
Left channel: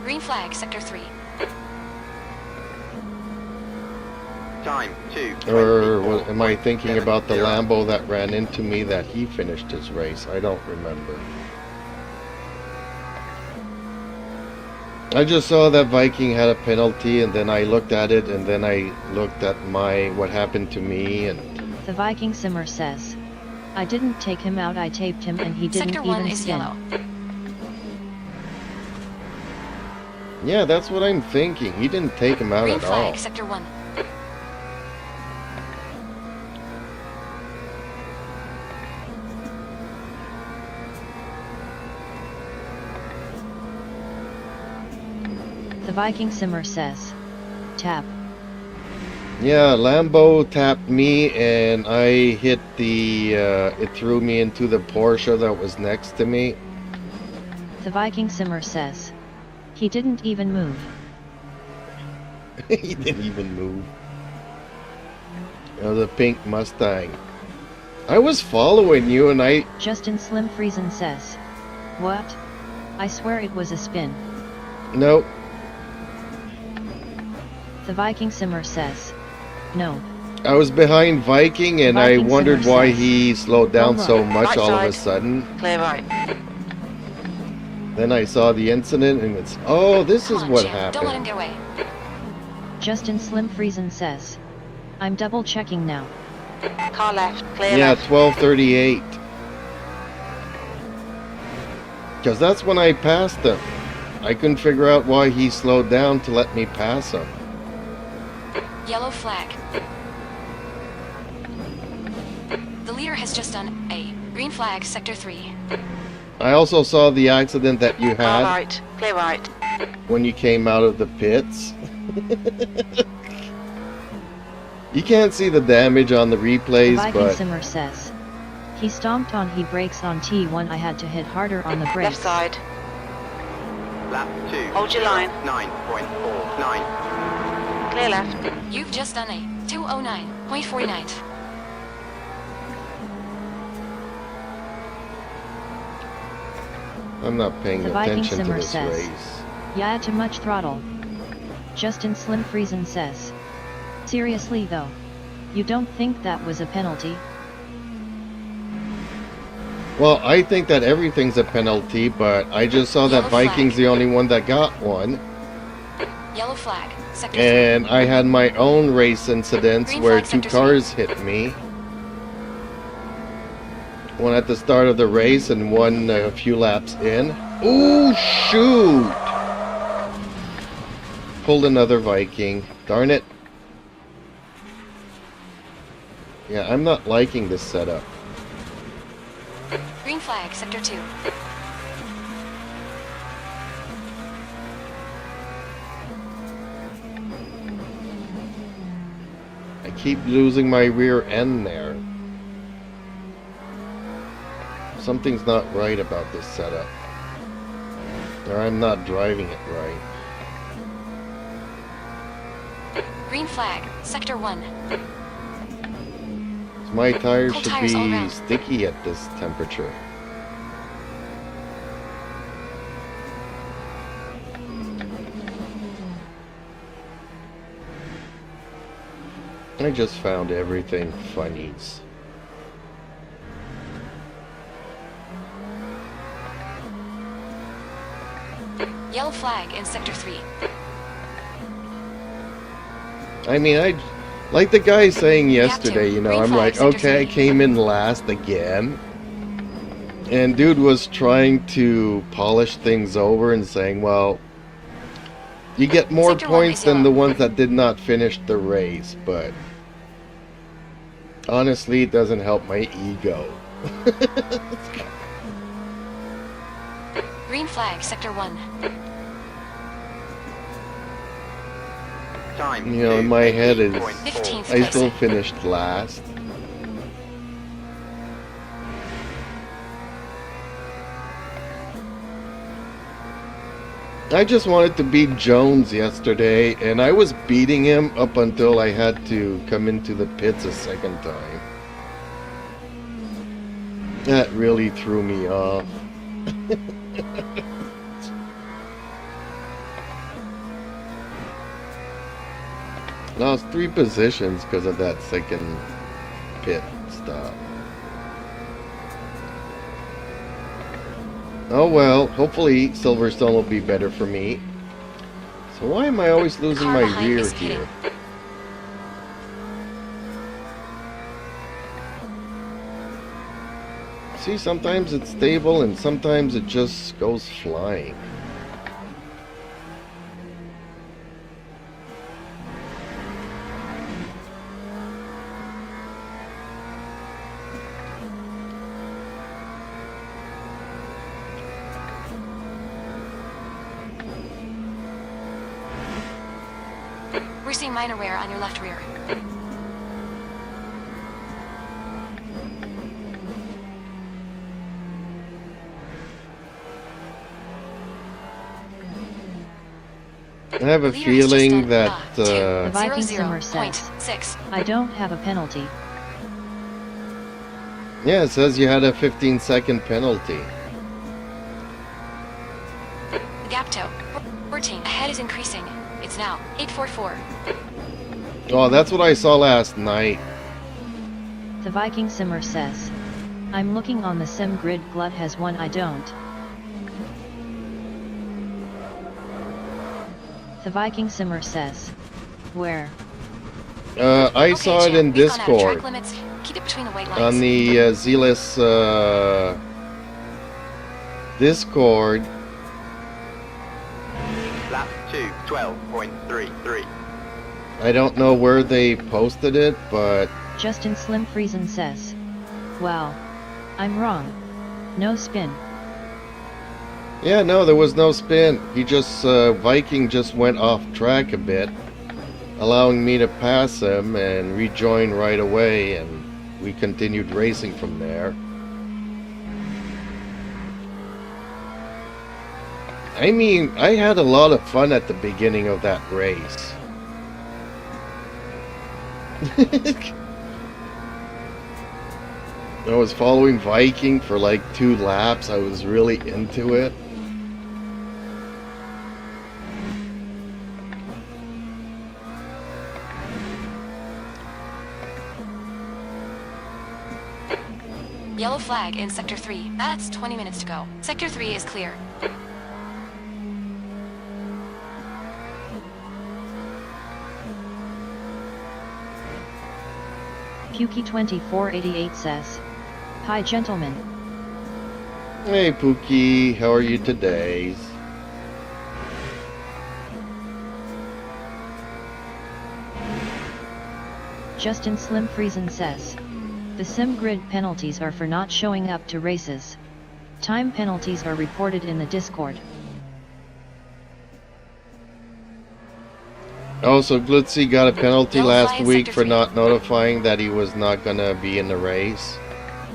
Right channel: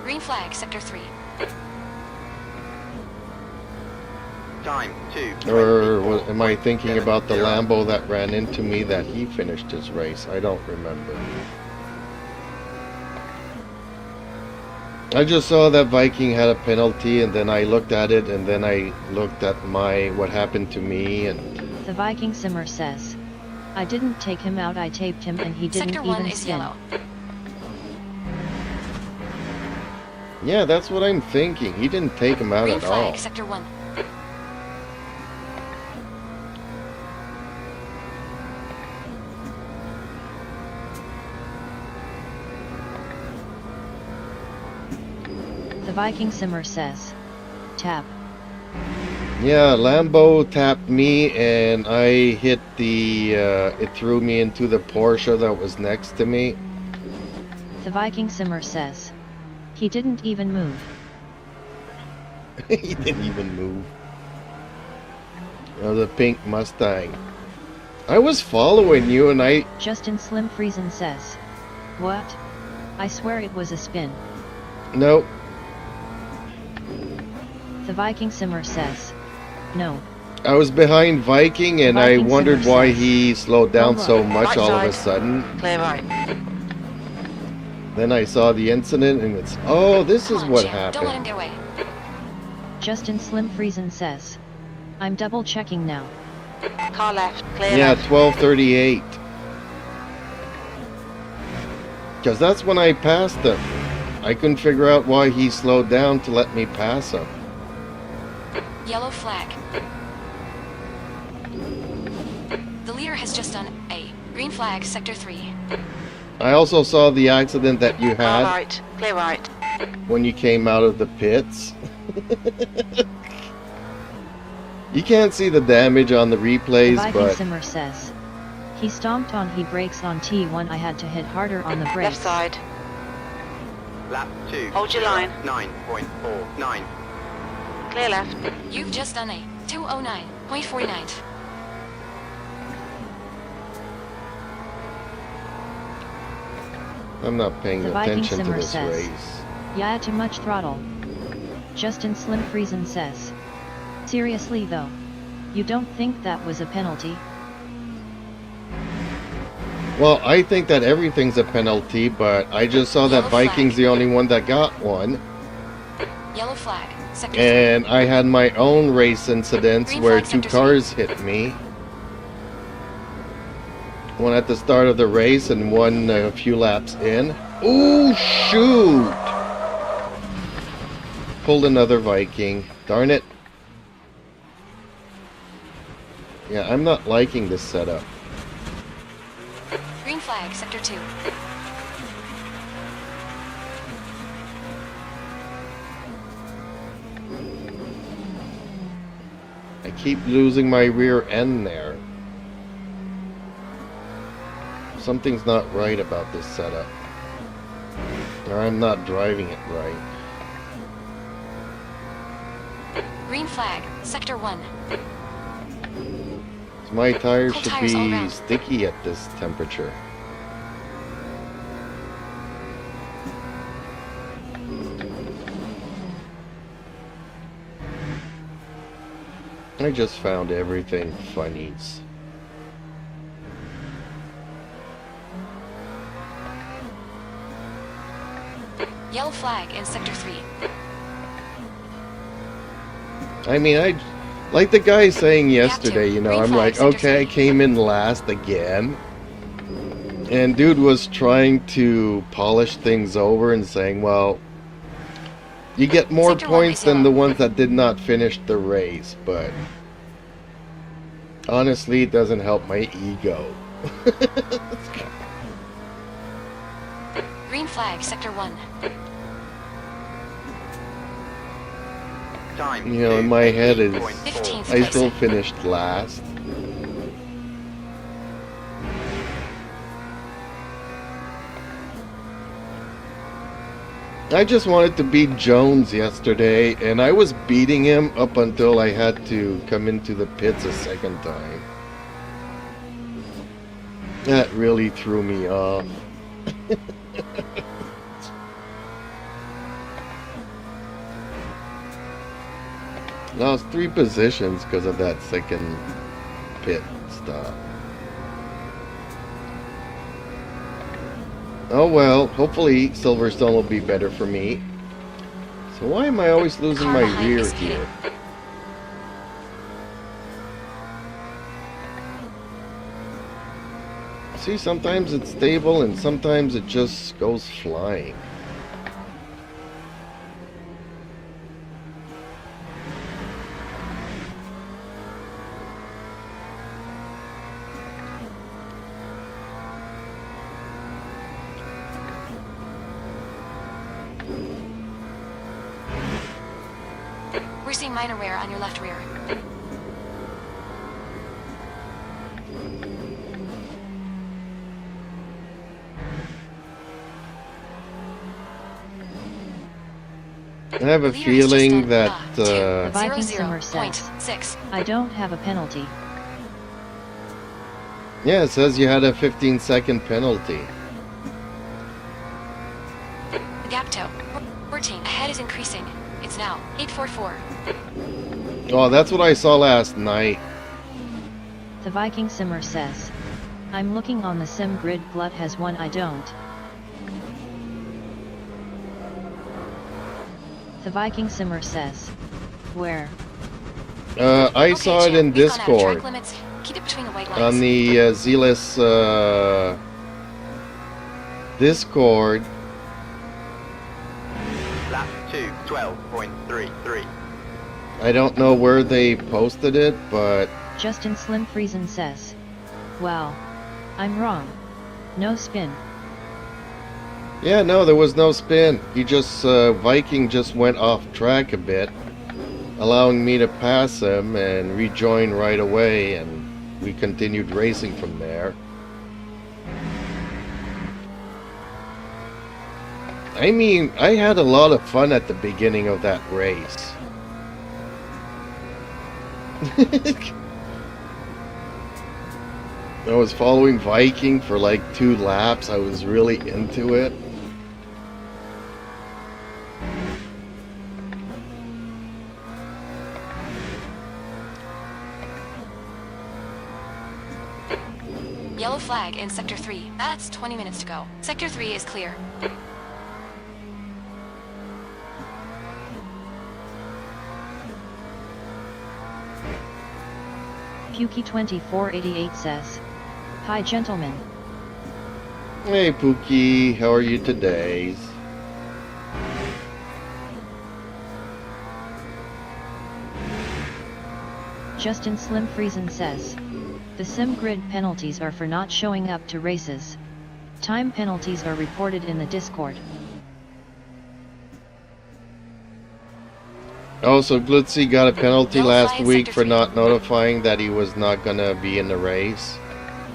Green flag, Sector 3. Time 2. Or am I thinking about the Lambo that ran into me that he finished his race? I don't remember. I just saw that Viking had a penalty, and then I looked at it, and then I looked at what happened to me, and The Viking Simmer says. I didn't take him out, I taped him and he didn't Sector 1 even is spin. yellow. yeah, that's what I'm thinking. He didn't take him out Green at flag, all. Sector 1. The Viking Simmer says. Tap. Yeah, Lambo tapped me, and I hit the, it threw me into the Porsche that was next to me. The Viking Simmer says. He didn't even move. He didn't even move. You know, the pink Mustang. I was following you, and I... Justin Slim Friesen says. What? I swear it was a spin. Nope. The Viking Simmer says. No. I was behind Viking, and I Viking wondered Simmer why says, he slowed down "Go so look." much Right all of a side. sudden. Clear right. Then I saw the incident, and it's, oh, this Come is on, what champ. Don't let him happened. get away. Justin Slim Friesen says. I'm double checking now. Car left, clear Yeah, left. 12:38. Because that's when I passed him. I couldn't figure out why he slowed down to let me pass him. Yellow flag. The leader has just done A. Green flag, Sector 3. I also saw the accident that you Car had right, clear right. when you came out of the pits. You can't see the damage on the The replays, Viking but Simmer says. He stomped on he brakes on T1, I had to hit harder on the brakes. Left side. Lap 2. Hold your line. 9.49. Clear left. You've just done a 209.49. I'm not paying The Viking attention to Simmer this says, race. Yeah, too much throttle. Justin Slim Friesen says. Seriously though. You don't think that was a penalty? Well, I think that everything's a penalty, but I just saw that Yellow Viking's flag. the only one that got one. Yellow flag. Sector 3. And I had my own race incidents Green where flag, two sector cars hit me. One at the start of the race and one a few laps in. Ooh, shoot! Pulled another Viking. Darn it. Yeah, I'm not liking this setup. Green flag. Sector 2. I keep losing my rear end there. Something's not right about this setup. Or I'm not driving it right. Green flag. Sector 1. My tires Cold should tires all be around. sticky at this temperature. I just found everything funnies. Yellow flag in Sector 3. I mean, like the guy saying yesterday, you know, Green I'm flag, like, sector okay, I 3. came in last again. And dude was trying to polish things over and saying, well, you get more Sector 1 points is than yellow. the ones that did not finish the race, but honestly, it doesn't help my ego. Green flag. Sector 1. Time. You know, in my head is, 15th I place. still finished last. I just wanted to beat Jones yesterday, and I was beating him up until I had to come into the pits a second time. That really threw me off. Lost 3 positions because of that second pit stop. Oh well, hopefully Silverstone will be better for me. So why am I always losing Car my behind rear is here? pitting. See, sometimes it's stable and sometimes it just goes flying. We're seeing minor wear on your left rear. I have a Leader has just feeling done that The Viking Simmer says, 0.6. I don't have a penalty. yeah, it says you had a 15-second penalty. The gap to 14. Ahead is increasing. It's now 844. Oh, that's what I saw last night. The Viking Simmer says, I'm looking on the sim grid. Glut has one, I don't. The Viking Simmer says, where? I Okay, saw it champ, in we've gone out of track Discord limits. Keep it between the white lines. on the Zealous Discord. Lap 2, 12.33. I don't know where they posted it, but Justin Slim Friesen says, wow. I'm wrong. No spin. yeah, no, there was no spin. He just, Viking just went off track a bit, allowing me to pass him and rejoin right away, and we continued racing from there. I mean, I had a lot of fun at the beginning of that race. I was following Viking for like 2 laps. I was really into it. Yellow flag in Sector 3. That's 20 minutes to go. Sector 3 is clear. Pukey2488 says, "Hi gentlemen. Hey Pookie, how are you today? Justin Slim Friesen says, "The sim grid penalties are for not showing up to races. Time penalties are reported in the Discord." Oh, so Glitzy got a penalty Yellow last flag, week Sector for 3. not notifying that he was not gonna be in the race.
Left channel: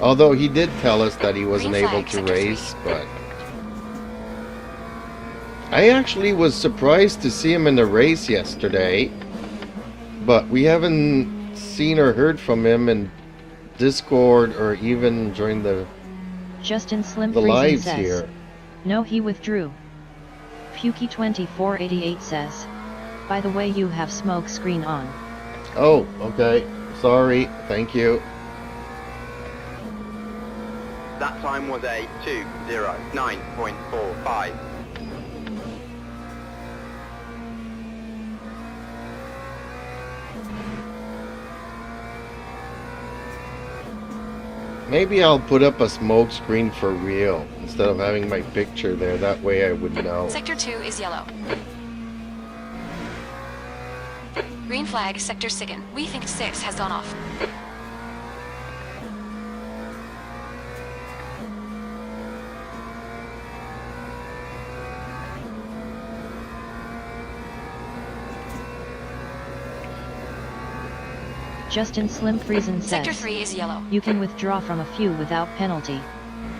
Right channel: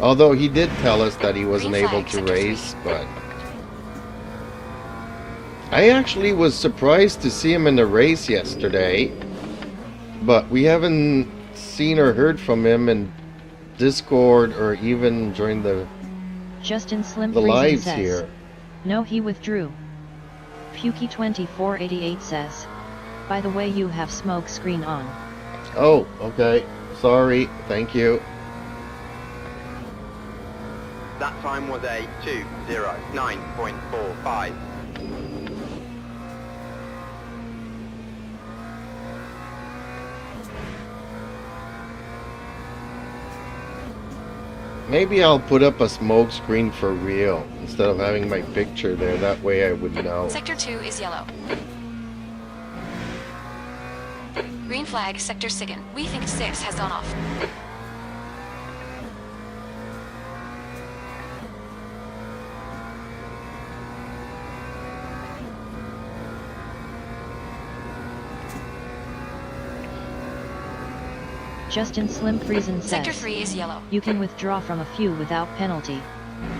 Although he did tell us that he wasn't Green able flag, to Sector 3. race, but I actually was surprised to see him in the race yesterday. But we haven't seen or heard from him in Discord or even during the Justin Slim the Friesen lives says, here. "No, he withdrew." Pukey2488 says, "By the way, you have smoke screen on." Oh, okay. Sorry. Thank you. That time was a 2:09.45. Maybe I'll put up a smoke screen for real instead of having my picture there. That way I would know. Sector 2 is yellow. Green flag, Sector 6. We think 6 has gone off. Justin Slim Friesen Sector says, 3 is yellow. "You can withdraw from a few without penalty.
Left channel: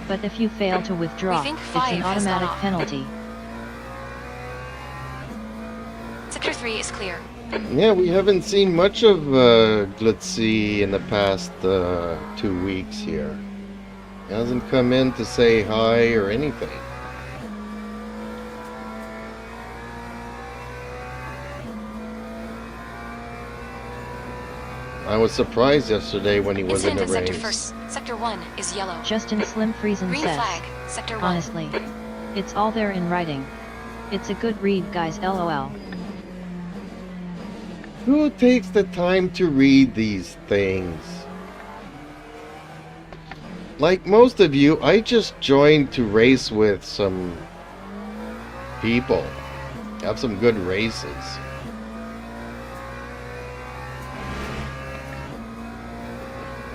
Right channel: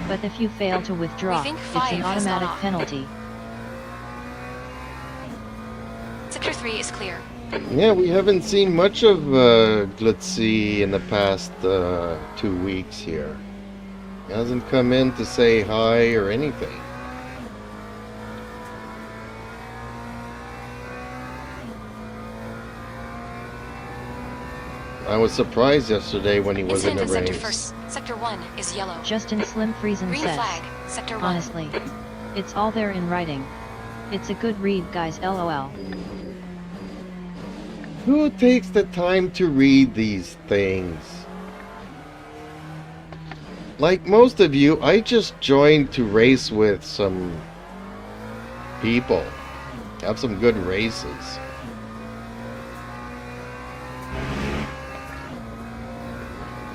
But if you fail to withdraw, We think it's 5 an has gone automatic off. penalty." Sector 3 is clear. Yeah, we haven't seen much of Glitzy in the past 2 weeks here. He hasn't come in to say hi or anything. I was surprised yesterday when he was in Incident the in Sector race. first. Sector 1 is yellow. Justin Slim Friesen Green says, flag, Sector 1. "Honestly, it's all there in writing. It's a good read, guys, lol." Who takes the time to read these things? Like most of you, I just joined to race with some people. Have some good races.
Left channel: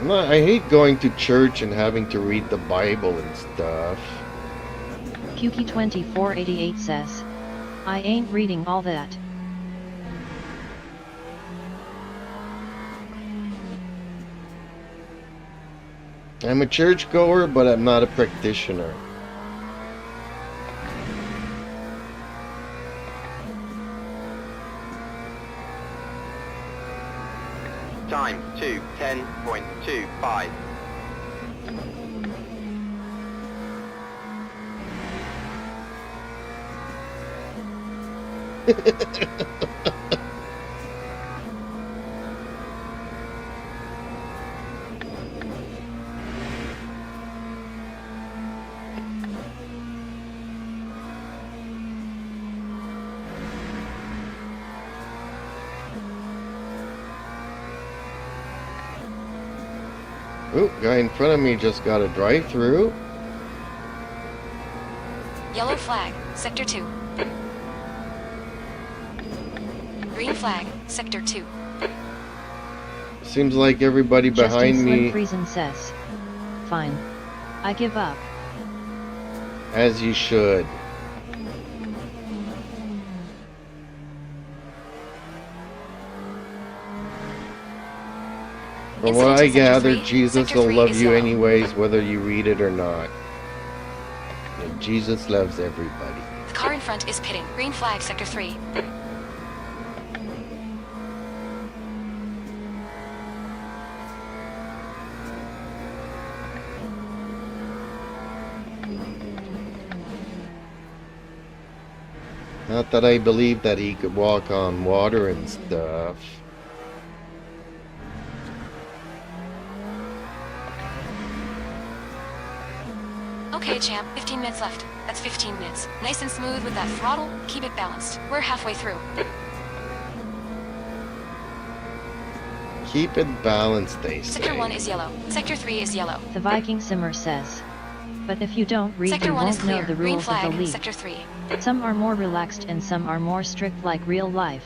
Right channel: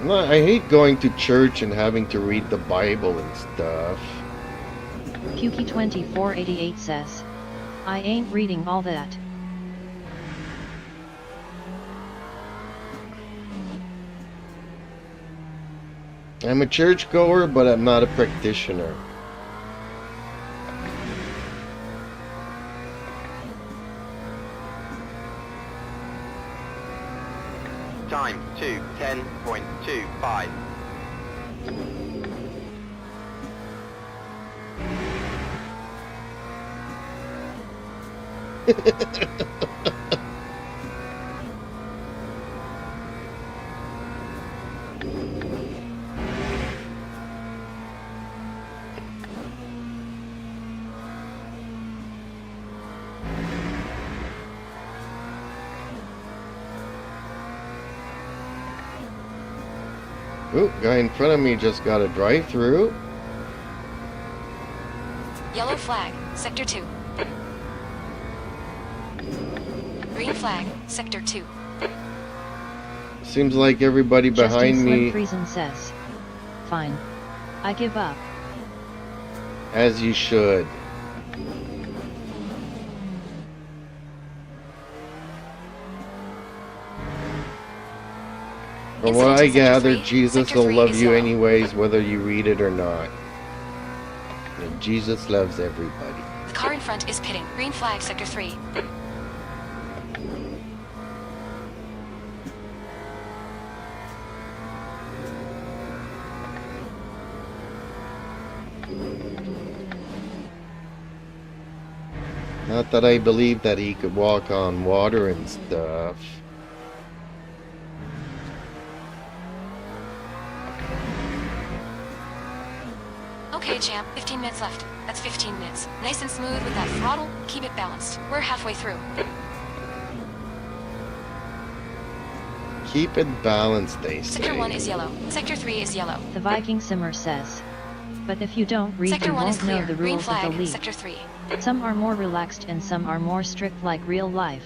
I hate going to church and having to read the Bible and stuff. Pukey2488 says, "I ain't reading all that." I'm a churchgoer, but I'm not a practitioner. Time 2:10.25. Ooh, guy in front of me just got a drive-through. Yellow flag, Sector 2. Green flag, Sector 2. Seems like everybody behind Justin me, Slim Friesen says, "Fine. I give up." as you should. From what I Incident in Sector gather, 3, Jesus Sector will 3 love is you yellow. anyways, whether you read it or not. And Jesus loves everybody. The Car in front is pitting. Green flag, sector 3. Not that I believe that he could walk on water and stuff. Okay, champ, 15 minutes left. That's 15 minutes. Nice and smooth with that throttle. Keep it balanced. We're halfway through. Keep it balanced, they say. Sector 1 is yellow. Sector 3 is yellow. The Viking Simmer says. But if you don't read, Sector you 1 is won't know clear. the Green rules of flag, the league. sector 3. Some are more relaxed and some are more strict like real life.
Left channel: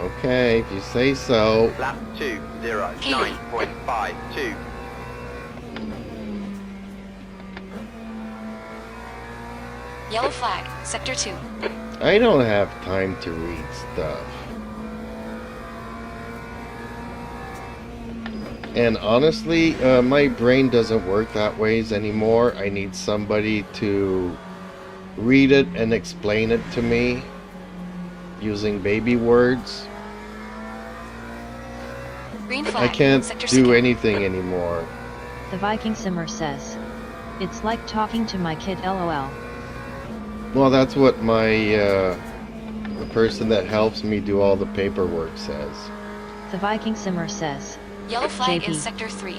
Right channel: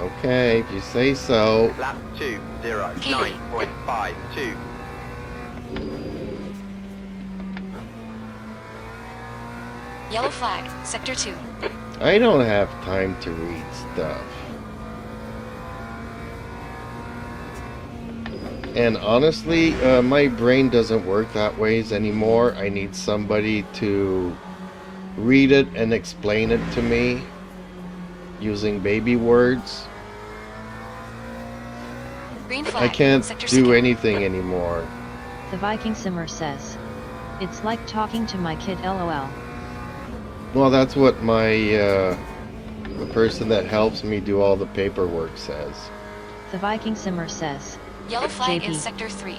Okay, if you say so. Lap 2, 0, Keely. 9.52. Yellow flag, sector 2. I don't have time to read stuff. And honestly, my brain doesn't work that ways anymore. I need somebody to read it and explain it to me using baby words. Green flag, I can't sector do 2. anything anymore. The Viking Simmer says. It's like talking to my kid, lol. Well, that's what my the person that helps me do all the paperwork says. The Viking Simmer says. Yellow flag JP. in sector 3.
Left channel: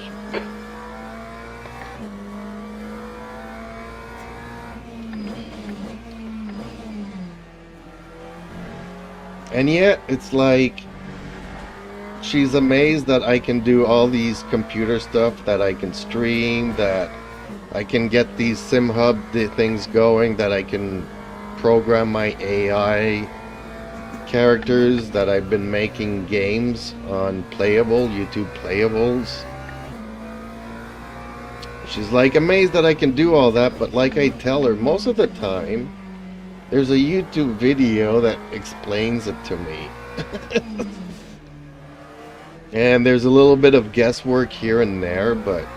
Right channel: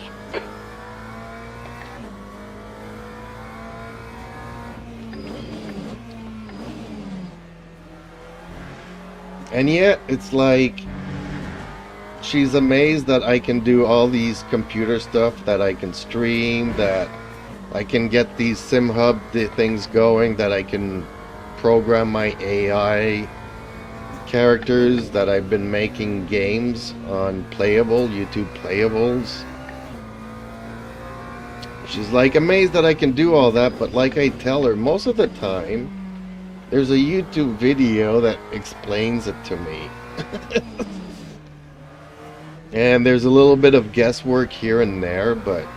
And yet, it's like she's amazed that I can do all these computer stuff, that I can stream, that I can get these SimHub things going, that I can program my AI characters, that I've been making games on YouTube Playables. She's like amazed that I can do all that, but like I tell her, most of the time, there's a YouTube video that explains it to me. And there's a little bit of guesswork here and there, but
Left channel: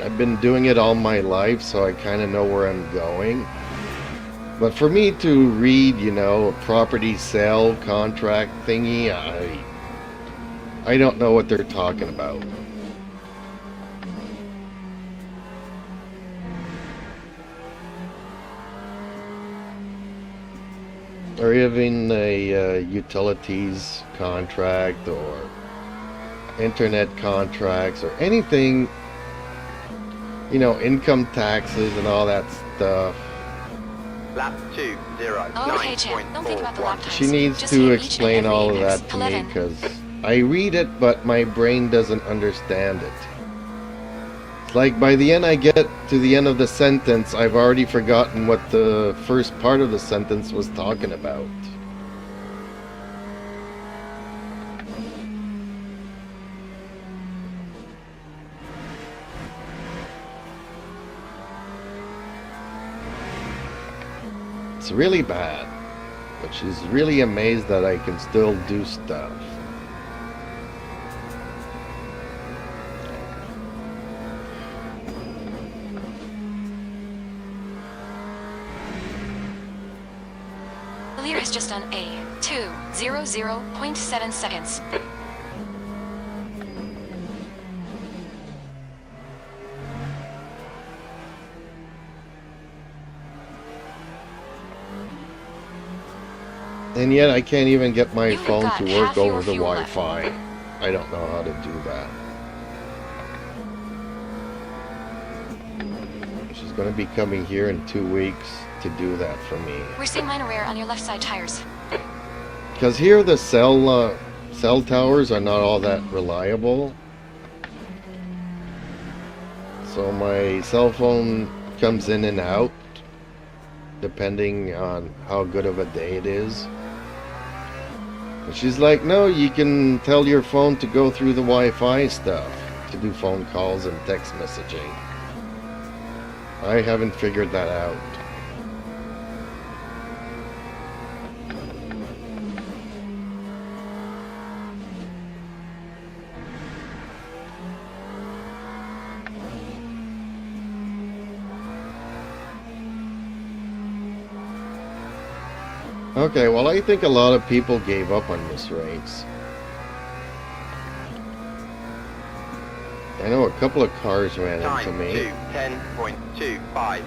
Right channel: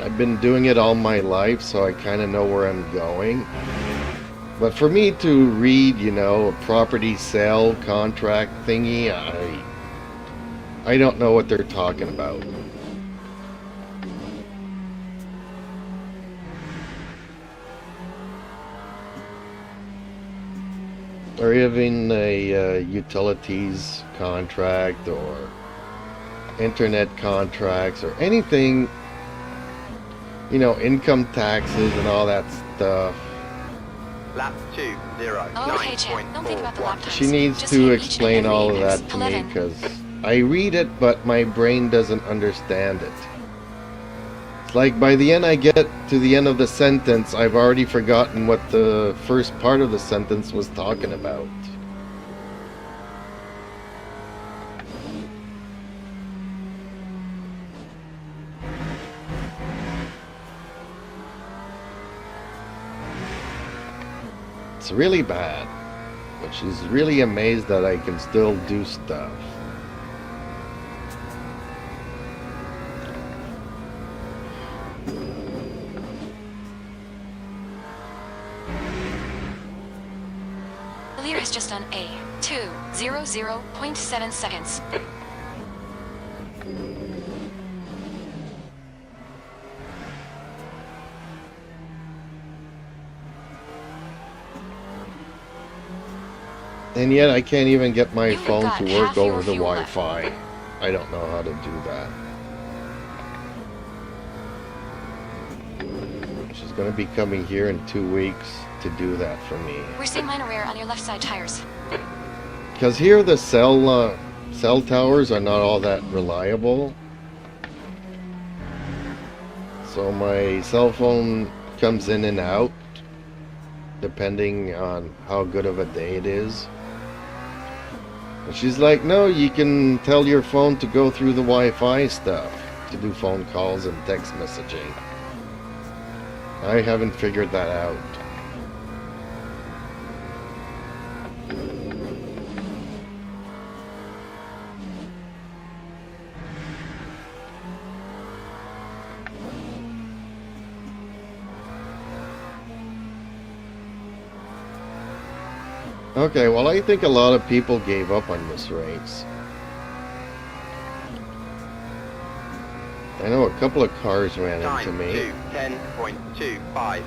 I've been doing it all my life, so I kind of know where I'm going. But for me to read, you know, a property sale contract thingy, I don't know what they're talking about. Or even a utilities contract or internet contracts or anything, you know, income taxes and all that stuff. Lap 2, 0, Okay, champ, don't think about the lap 9.41. times. She needs Just to hit each and explain every all of apex. that to me 11. because I read it, but my brain doesn't understand it. It's like by the end I get to the end of the sentence, I've already forgotten what the first part of the sentence was talking about. It's really bad, but she's really amazed that I can still do stuff. The leader has just done a 2:00.7 seconds. And yet I can't even get my You've phone got to work half your over the fuel left. Wi-Fi. I don't know how to do that. She's going to be coming here in 2 weeks to do that for me. We're seeing minor wear on your left side tires. Because here the cell towers are not all that reliable. So my cell phone comes in and out depending on how good of a day it is. And she's like, no, you can tell your phone to go through the Wi-Fi stuff to do phone calls and text messaging. I haven't figured that out. Okay, well, I think a lot of people gave up on this race. I know a couple of cars ran into Time me. 2:10.25.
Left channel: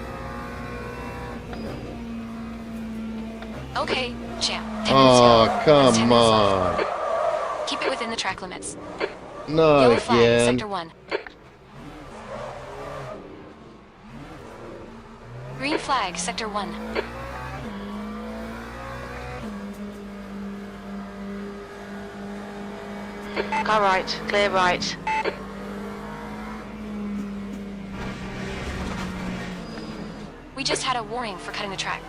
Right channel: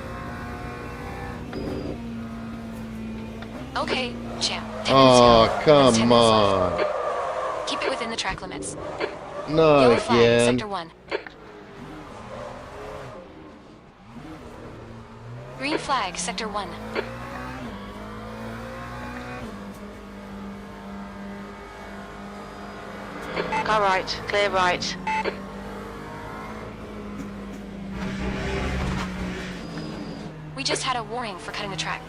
Okay, champ. 10 minutes Oh, yellow. That's 10 come minutes on. left. Keep it within the track limits. Not Yellow flag, again. sector 1. Green flag, sector 1. Car right, clear right. We just had a warning for cutting the track.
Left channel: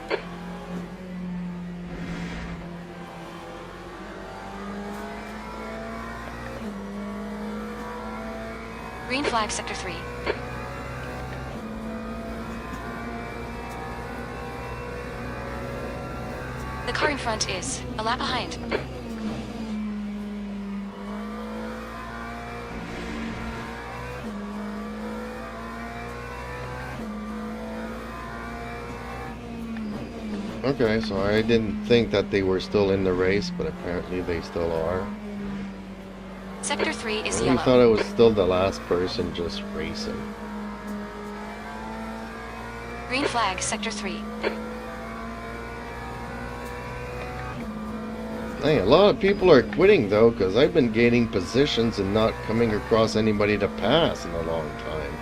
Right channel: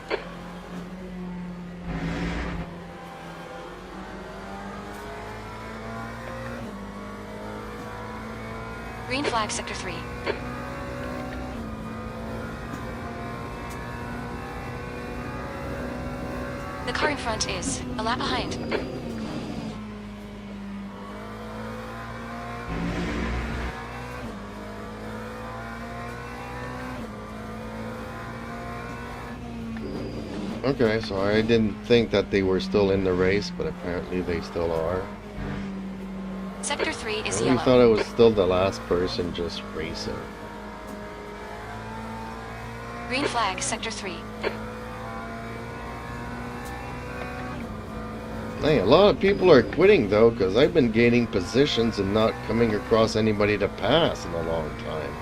Green flag, sector 3. The car in front is a lap behind. Okay, so I didn't think that they were still in the race, but apparently they still are. Sector 3 I is really yellow. thought I was still the last person just racing. Green flag, sector 3. Hey, a lot of people are quitting though, because I've been gaining positions and not coming across anybody to pass in a long time.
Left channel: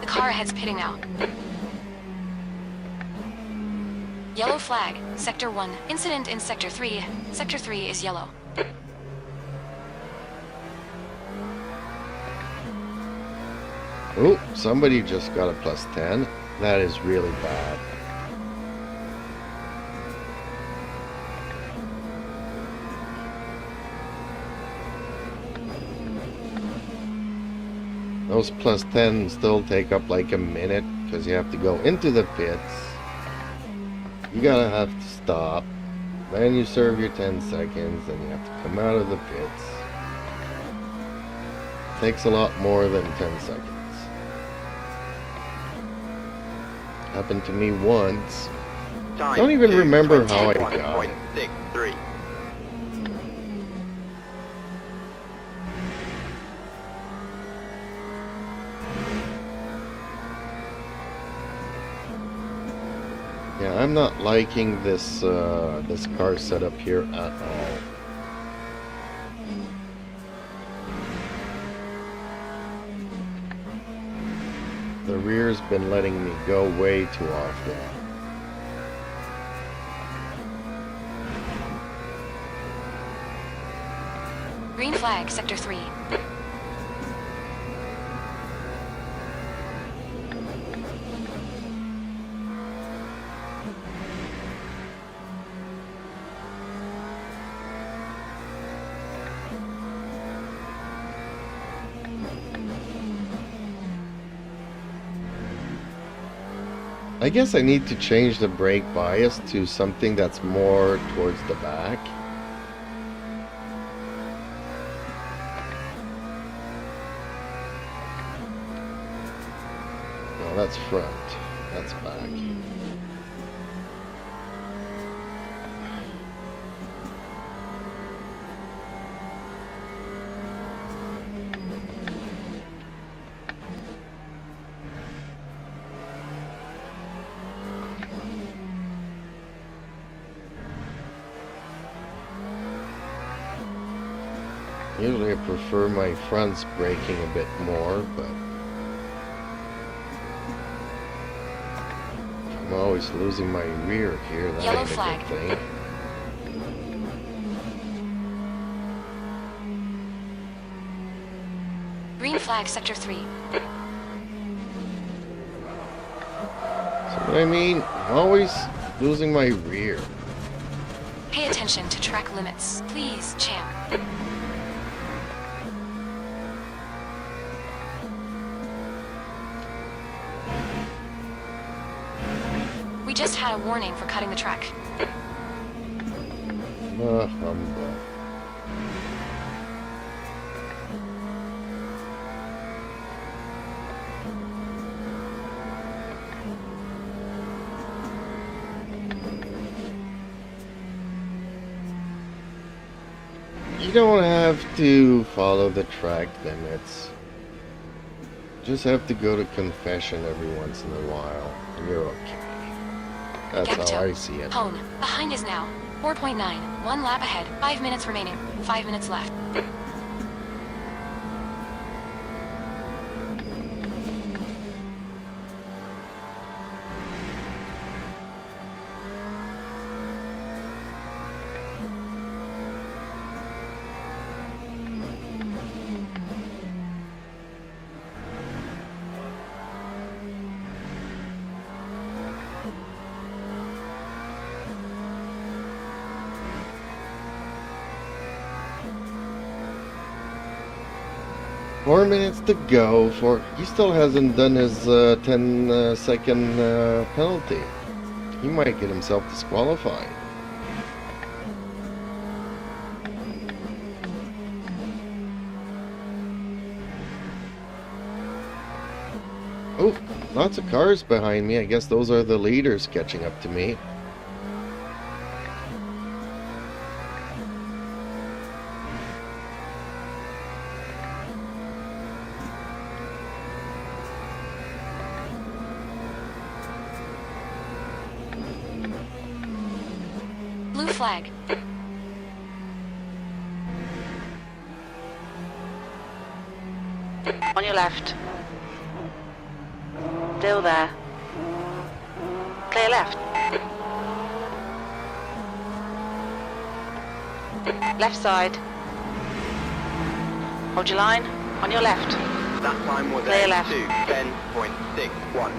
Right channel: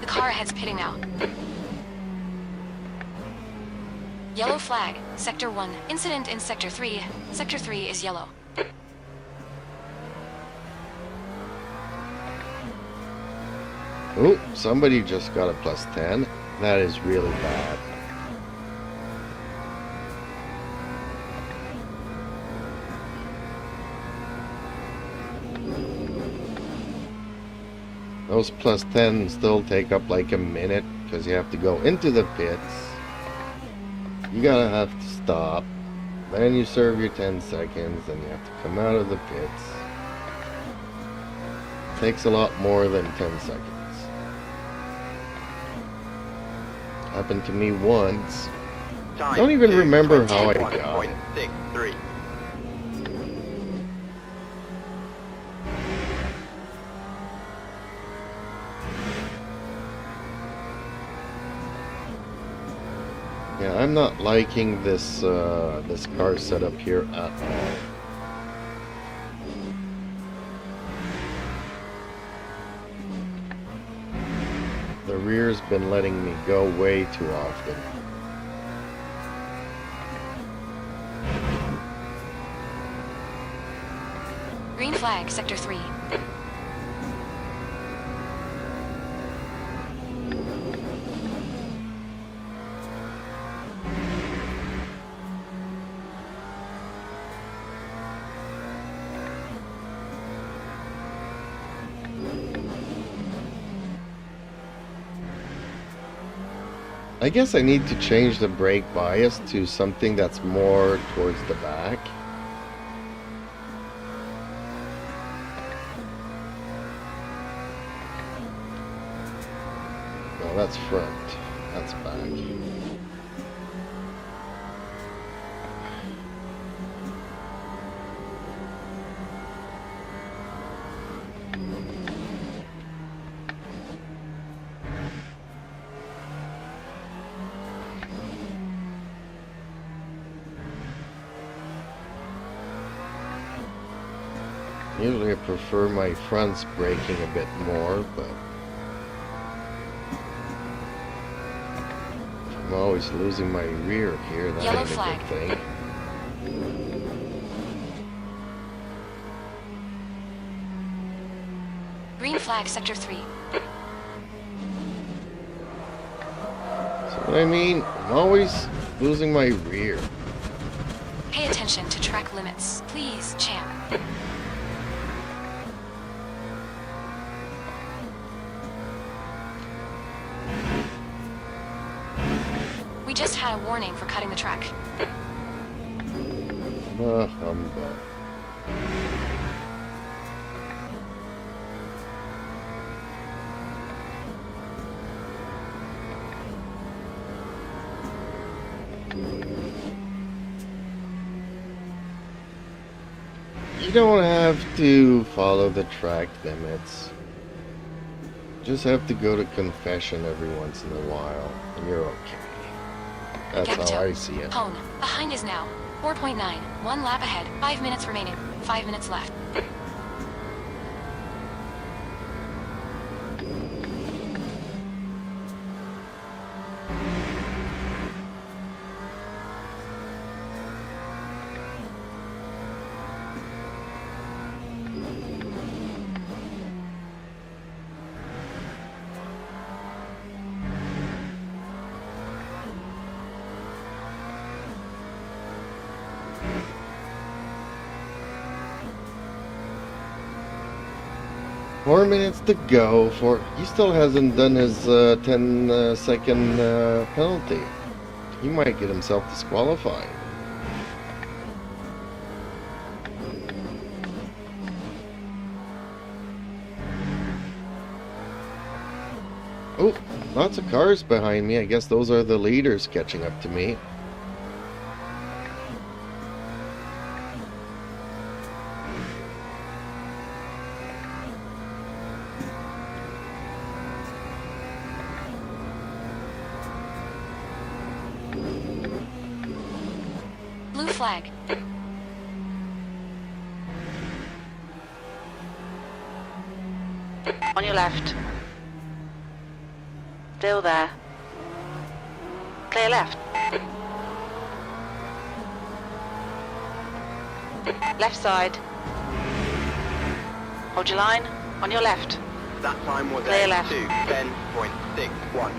The car ahead's pitting now. Yellow flag, sector 1. Incident in sector 3. Sector 3 is yellow. Oh, somebody just got a +10. That is really bad. Those +10 still take up like a minute because you have to go into the pits. You gotta have to stop. Then you serve your 10 seconds, then you have to come out of the pits. Takes a lot more than 10 seconds. Happened to me once. Time Don't even remember how I got it. 21.63. Yeah, I'm not liking this this car setup here at all. The rear's been letting me go way too often. Green flag, sector 3. I guess I need to change the brake bias to something that's more towards the back. No, that's front. That's back. Usually I prefer my fronts braking a bit more, but I'm always losing my rear here. That Yellow ain't flag. a good thing. Green flag, sector 3. So what I mean, I'm always losing my rear. Pay attention to track limits. Please, champ. We just had a warning for cutting the track. Humbug. You don't have to follow the track limits. Just have to go to confession every once in a while, and you're okay. That's Gap how I toe. see it. Hone. Behind is now. 4.9. 1 lap ahead. 5 minutes remaining. 5 minutes left. Four minutes to go. He still hasn't done his 10-second penalty. He might get himself disqualified. Oh, lots of cars behind me. I guess those are the leaders catching up to me. Blue flag. On your left. Still there. Clear left. Left side. Hold your line. On your left. That time was Clear left. 10.61.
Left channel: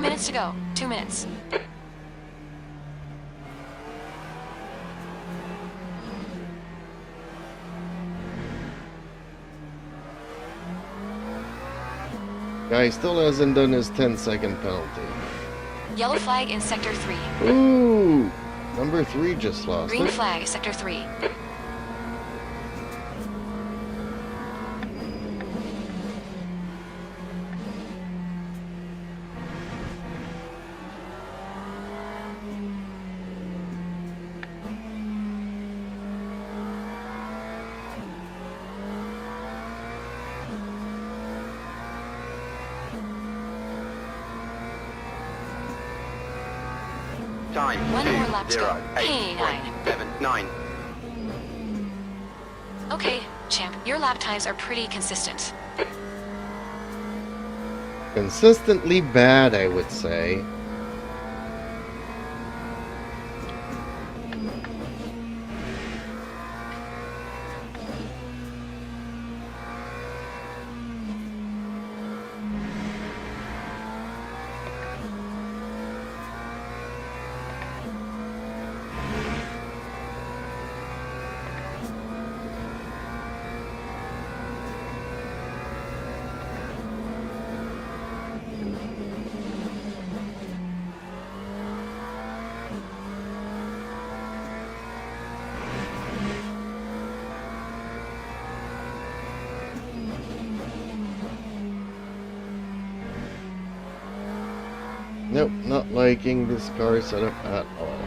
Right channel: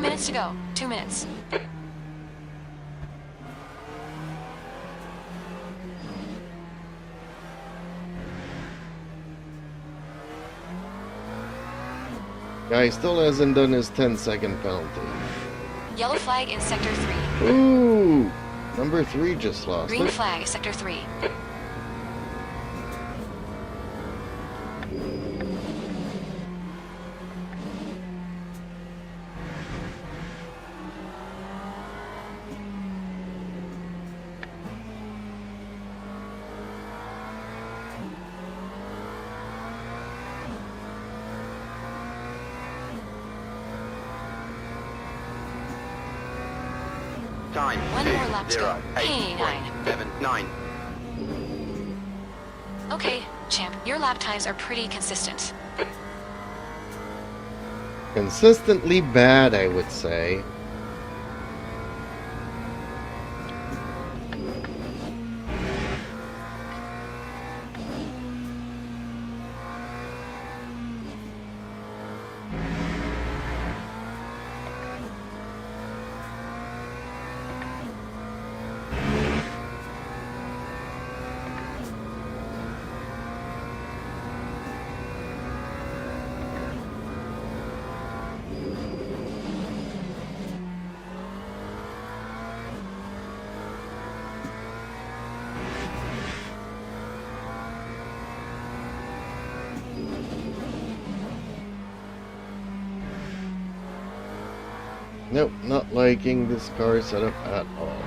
Minutes to go. 2 minutes. Guy still hasn't done his 10-second penalty. Yellow flag in sector 3. Ooh! Number 3 just lost Green it. flag, sector 3. Time One more lap to go. 2:08.79. Okay, champ, your lap times are pretty consistent. Consistently bad, I would say. Nope, not liking this car setup at all.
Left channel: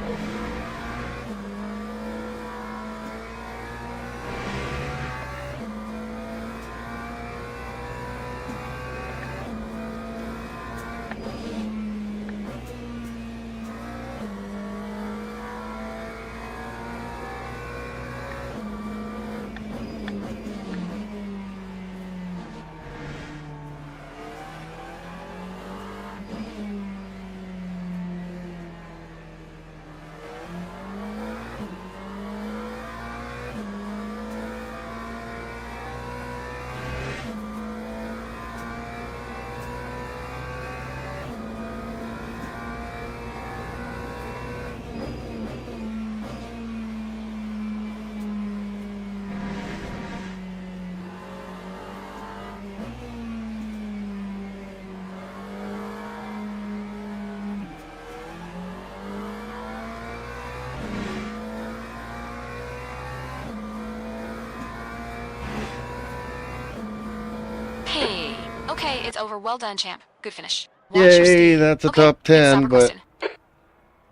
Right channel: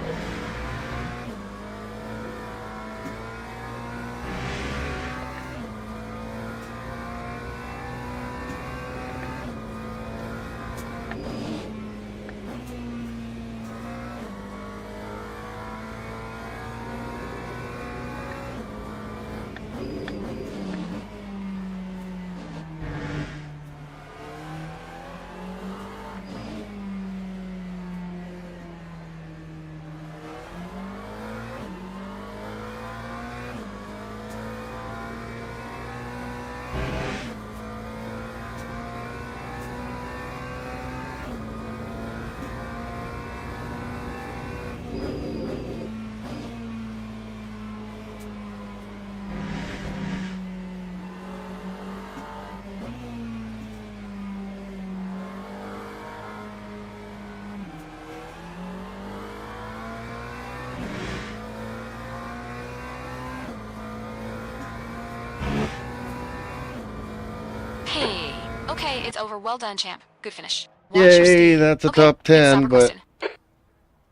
Hey. Okay, it's over. Well done, champ. Good finish. Watch your Yay, speed. that's a Okay, top let's stop 10, but requesting.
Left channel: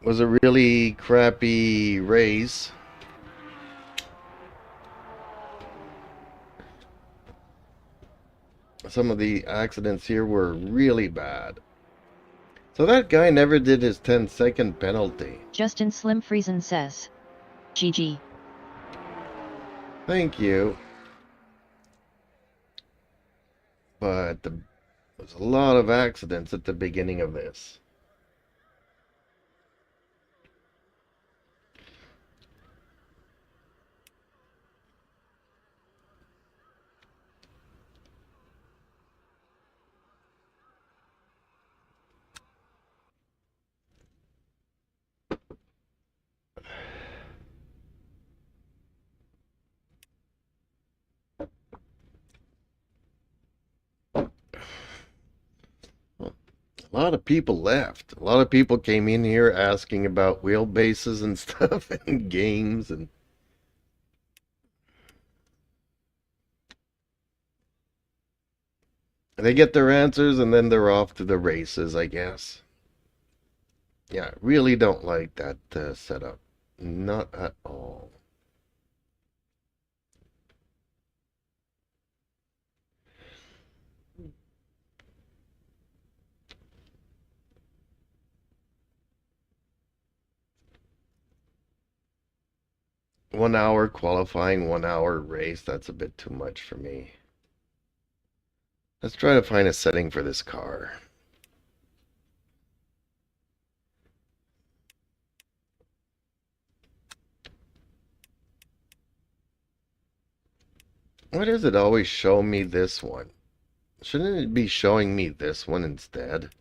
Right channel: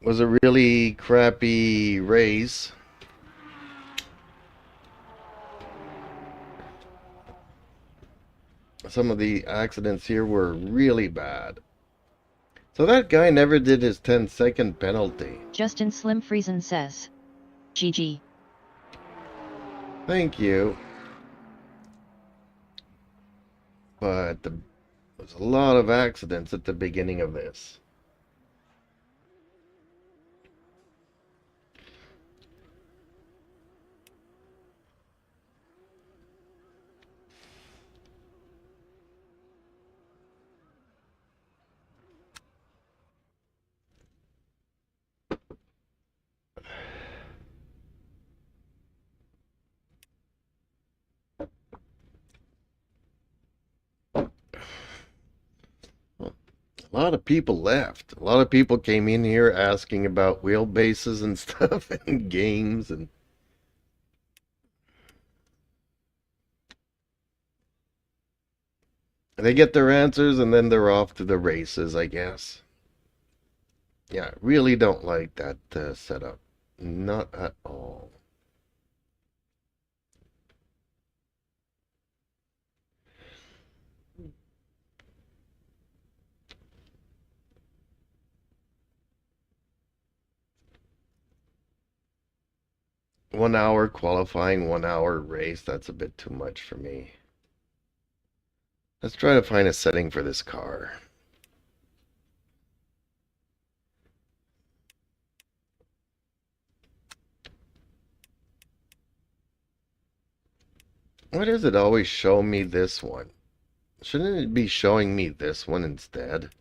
was a really crappy race. Some of the accidents here were really bad. So that guy never did his 10-second penalty. Justin Slim Friesen says, GG. Thank you. But there's a lot of accidents at the beginning of this. A lot of people left. A lot of people came in here asking about wheelbases and stuff and games and they get their answers and then they're off to the races, I guess. Yeah, really don't like that setup. Not at all. One hour qualifying, 1 hour race, that's a bit too much for me. Let's try to find a setting for this car. Why does it always show me this one? Shouldn't it be showing me this one instead?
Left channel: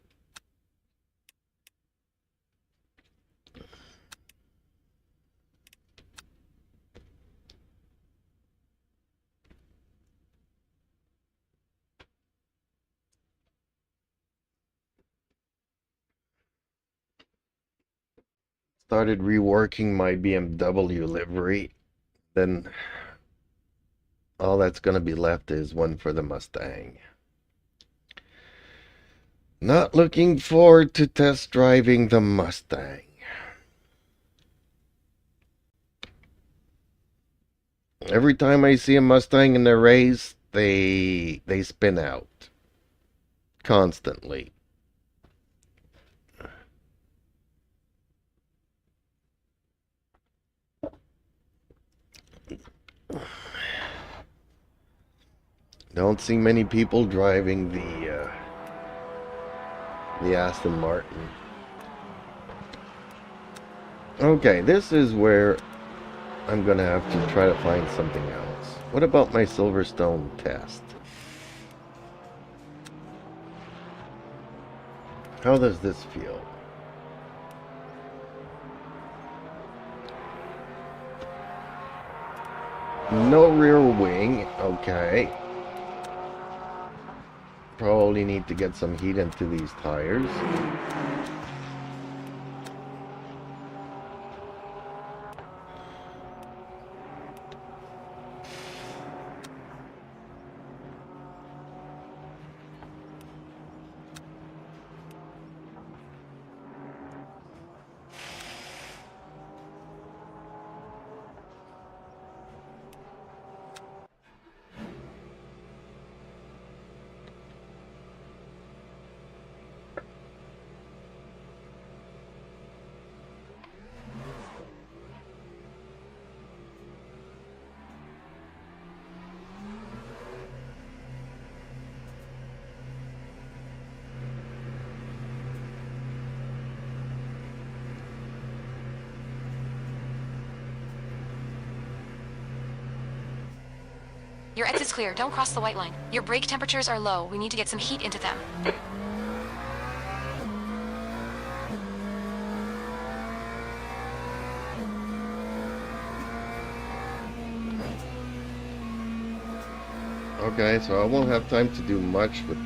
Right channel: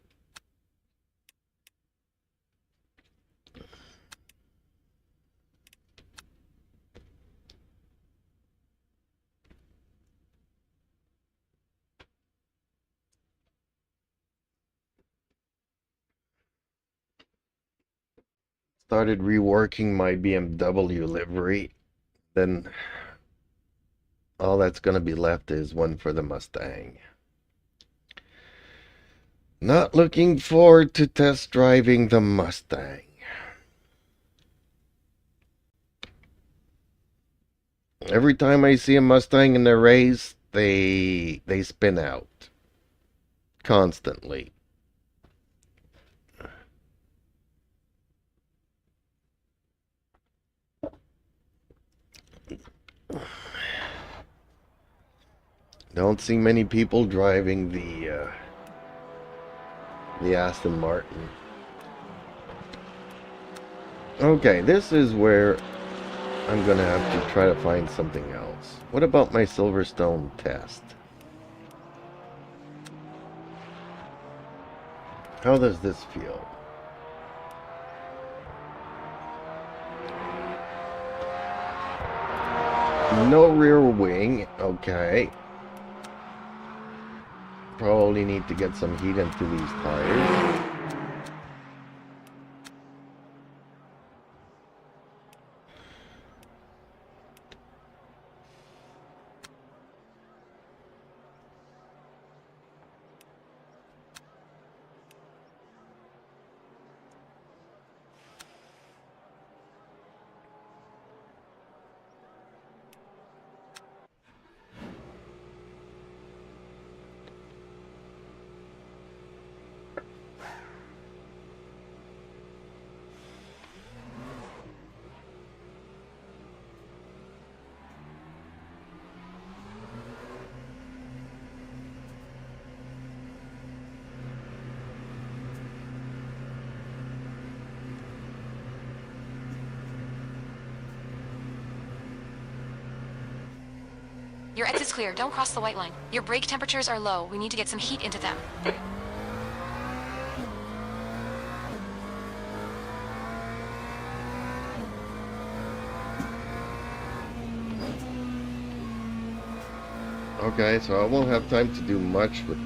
Started reworking my BMW livery. Then all that's going to be left is one for the Mustang. Not looking forward to test driving the Mustang. Every time I see a Mustang in a race, they spin out. Constantly. Don't see many people driving the Aston Martin. Okay, this is where I'm gonna have to try to find something else. What about my Silverstone test? How does this feel? No rear wing, okay. Probably need to get some heat into these tires. Your exit's clear. Don't cross the white line. Your brake temperatures are low. We need to get some heat into them. Okay, so I won't have time to do much with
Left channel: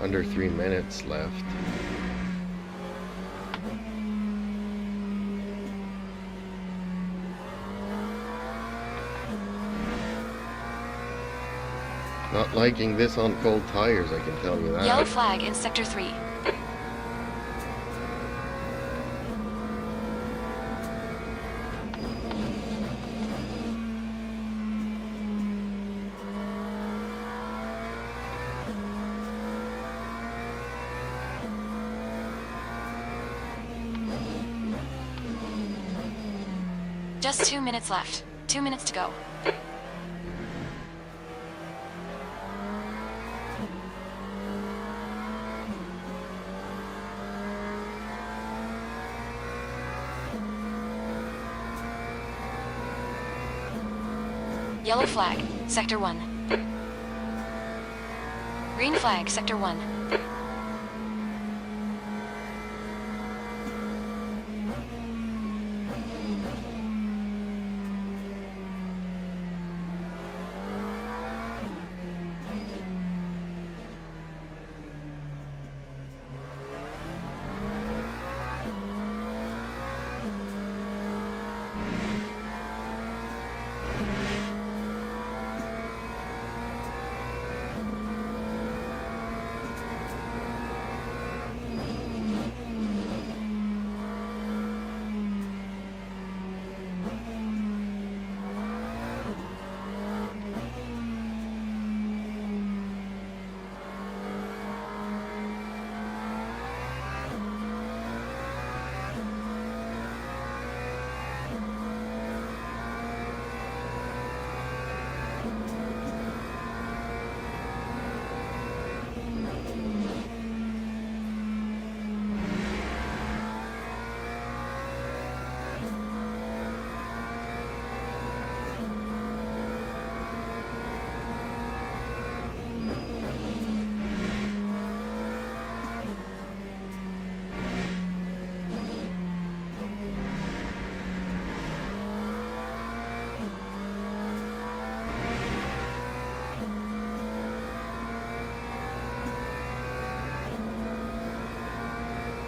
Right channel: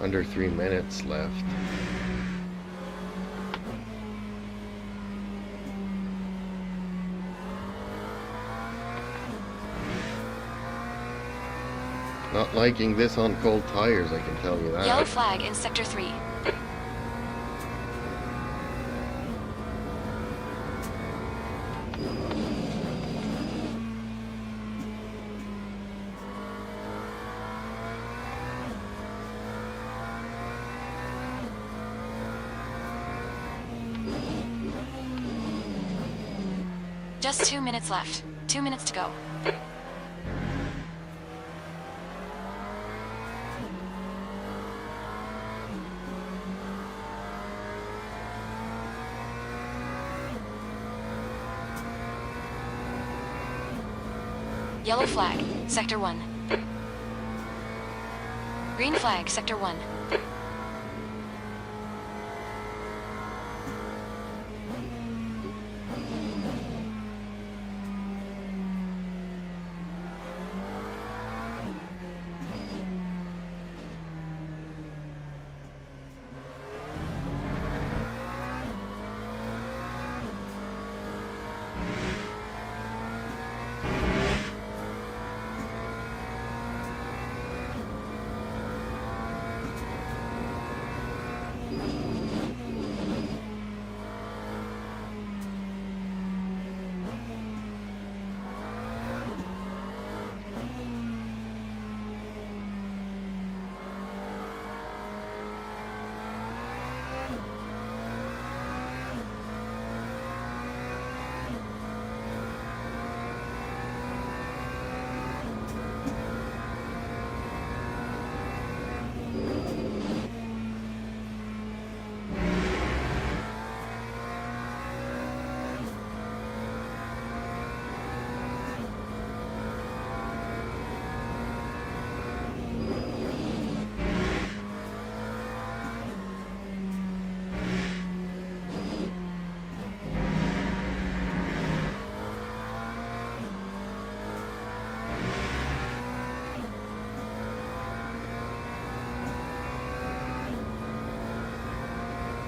under 3 minutes left. Not liking this on cold tires, I can tell you that. Yellow flag in Sector 3. Just 2 minutes left. 2 minutes to go. Yellow flag, Sector 1. Green flag, Sector 1.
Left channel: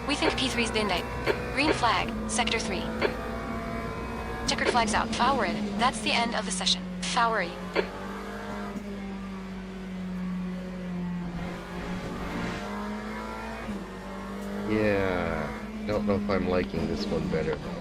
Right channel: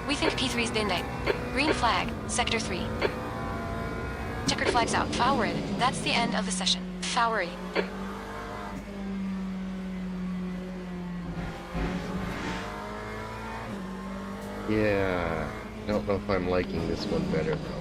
We think P3's been died. Green flag, Sector 3. Checkered flags out. Forward. That's the end of the session. Forward. Yeah, don't know if I'm liking this one better though.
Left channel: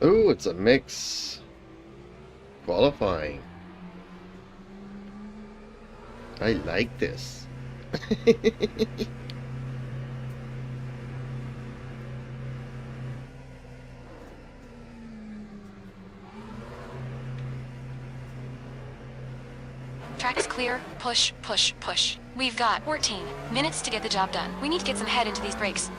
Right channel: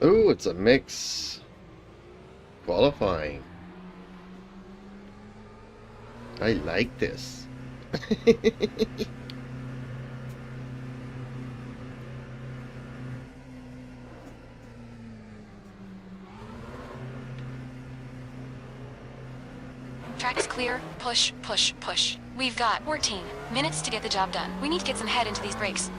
Ooh, it's a mix qualifying. I like this. Track is clear. Push, push, push. We've got 14 minutes to get the job done. We need to get some head into these brakes.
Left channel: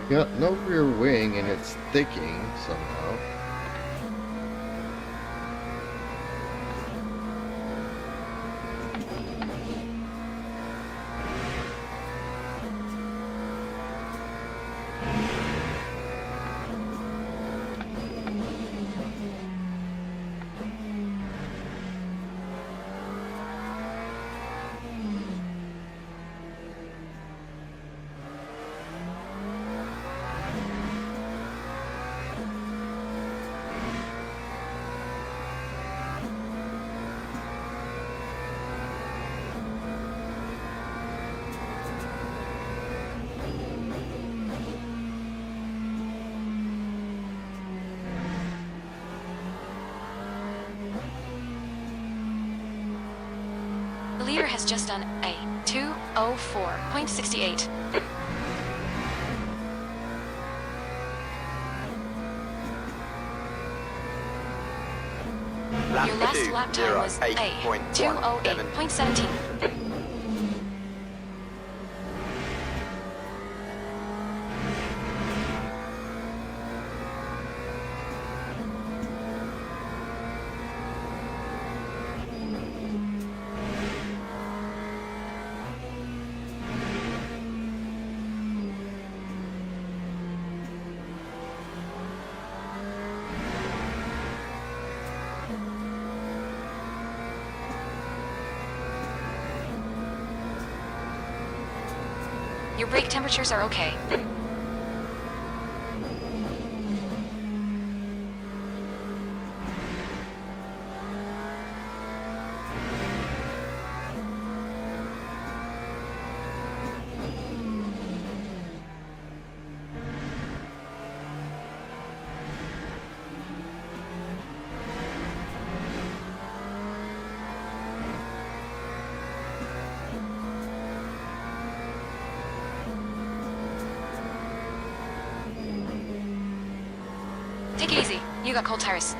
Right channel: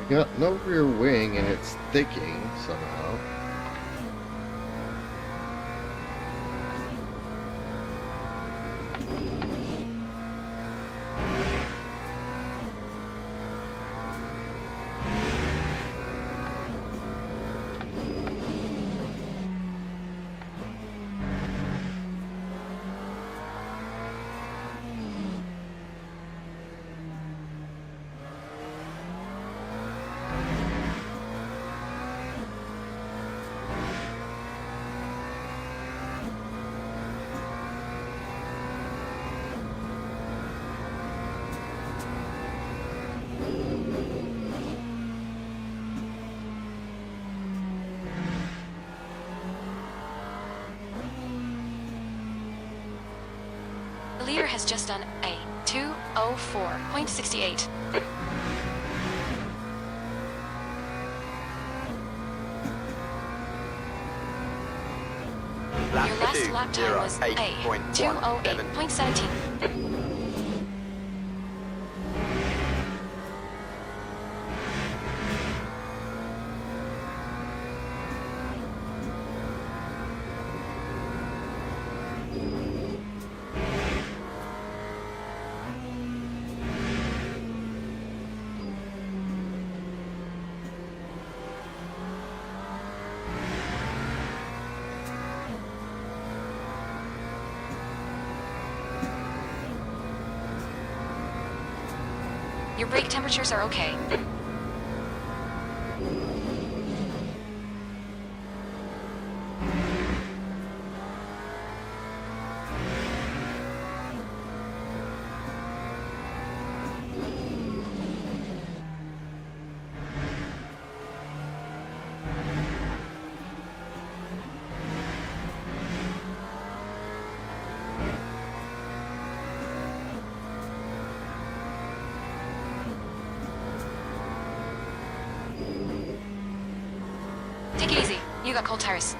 I got no rear wing and it's sticking somehow. The leader has just done a 2:04.68. Your last lap time was a 2:08.17. Your brake temperatures are okay. Take it easy. You got cold tires.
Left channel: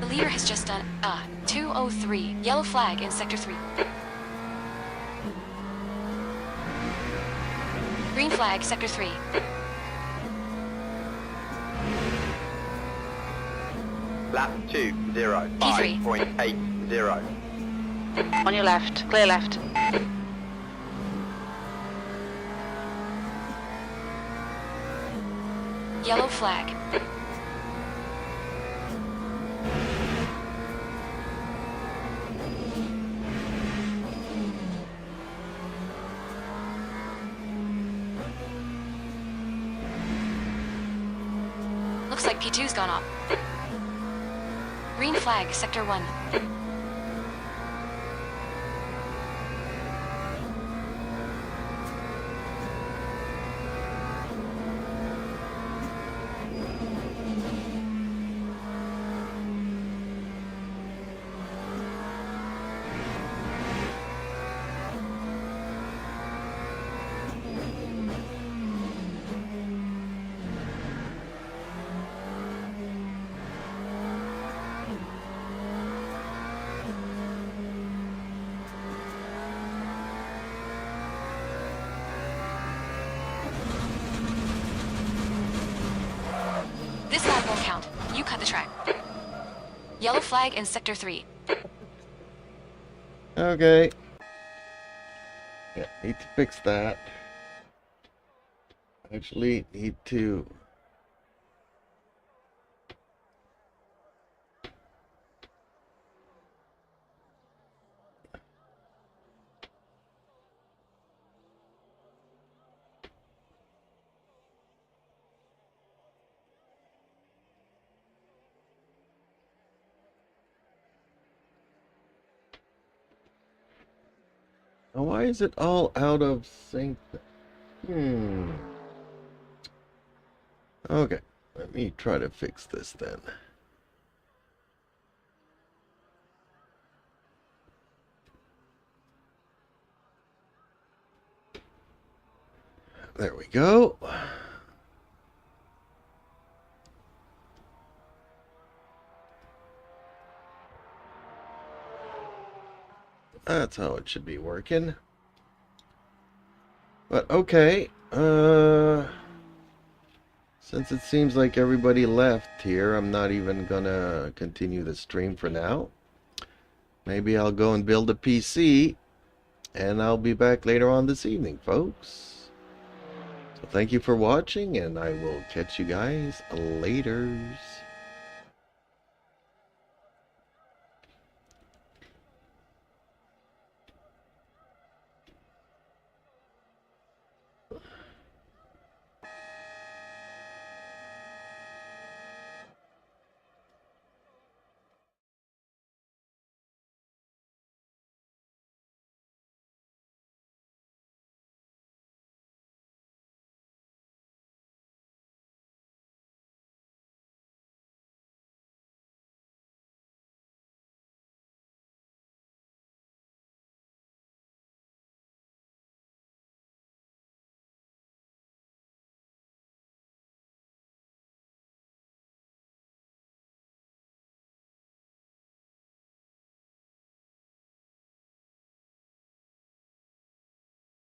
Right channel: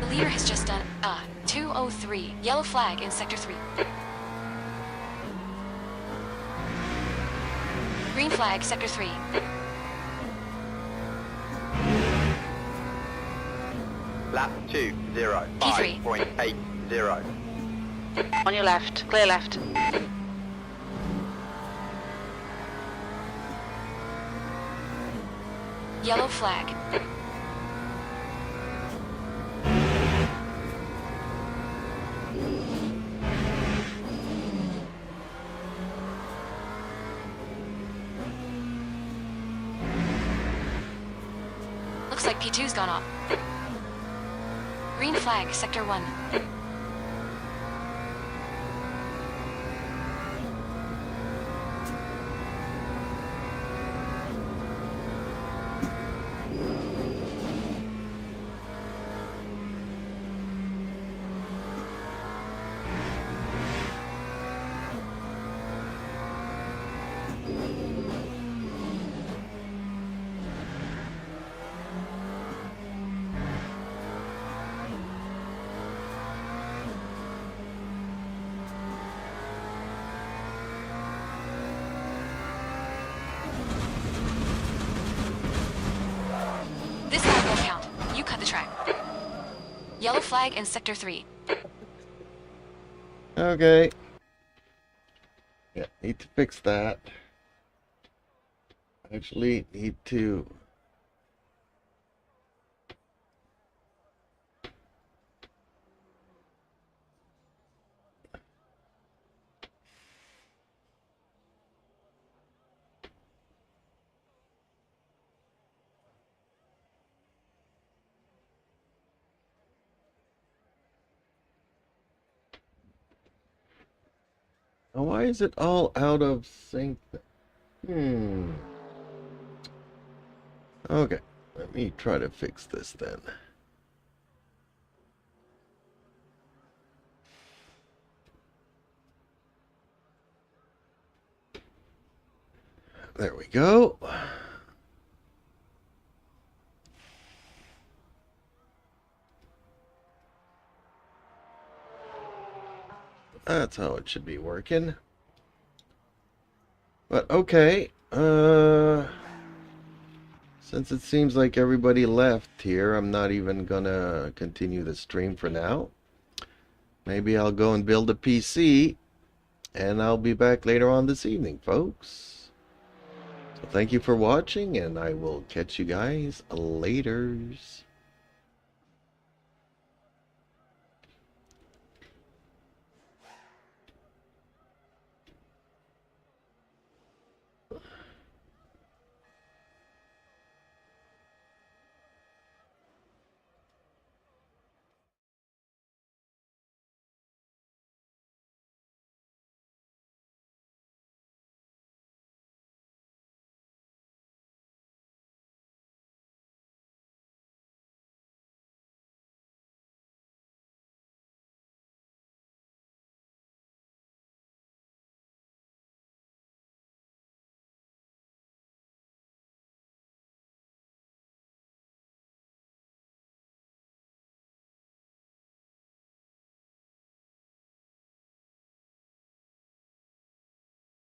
The leader has just done a 2:03. Yellow flag in Sector 3. Green flag, Sector 3. Lap 2:05.80. On your left. Clear left. Yellow flag. Looks like P2's gone up. Green flag, Sector 1. This lap won't count. You cut the track. Yellow flag in Sector 3. Okay. Yeah, need to fix that. Actually, need to... Oh, why is it all out of sync? Okay, let me try to fix this then. There we go. That's how it should be working. But okay, since it seems like everybody left here, I'm not even gonna continue the stream for now. Maybe I'll go and build a PC, and I'll be back later on this evening, folks. So thank you for watching, and I will catch you guys laters.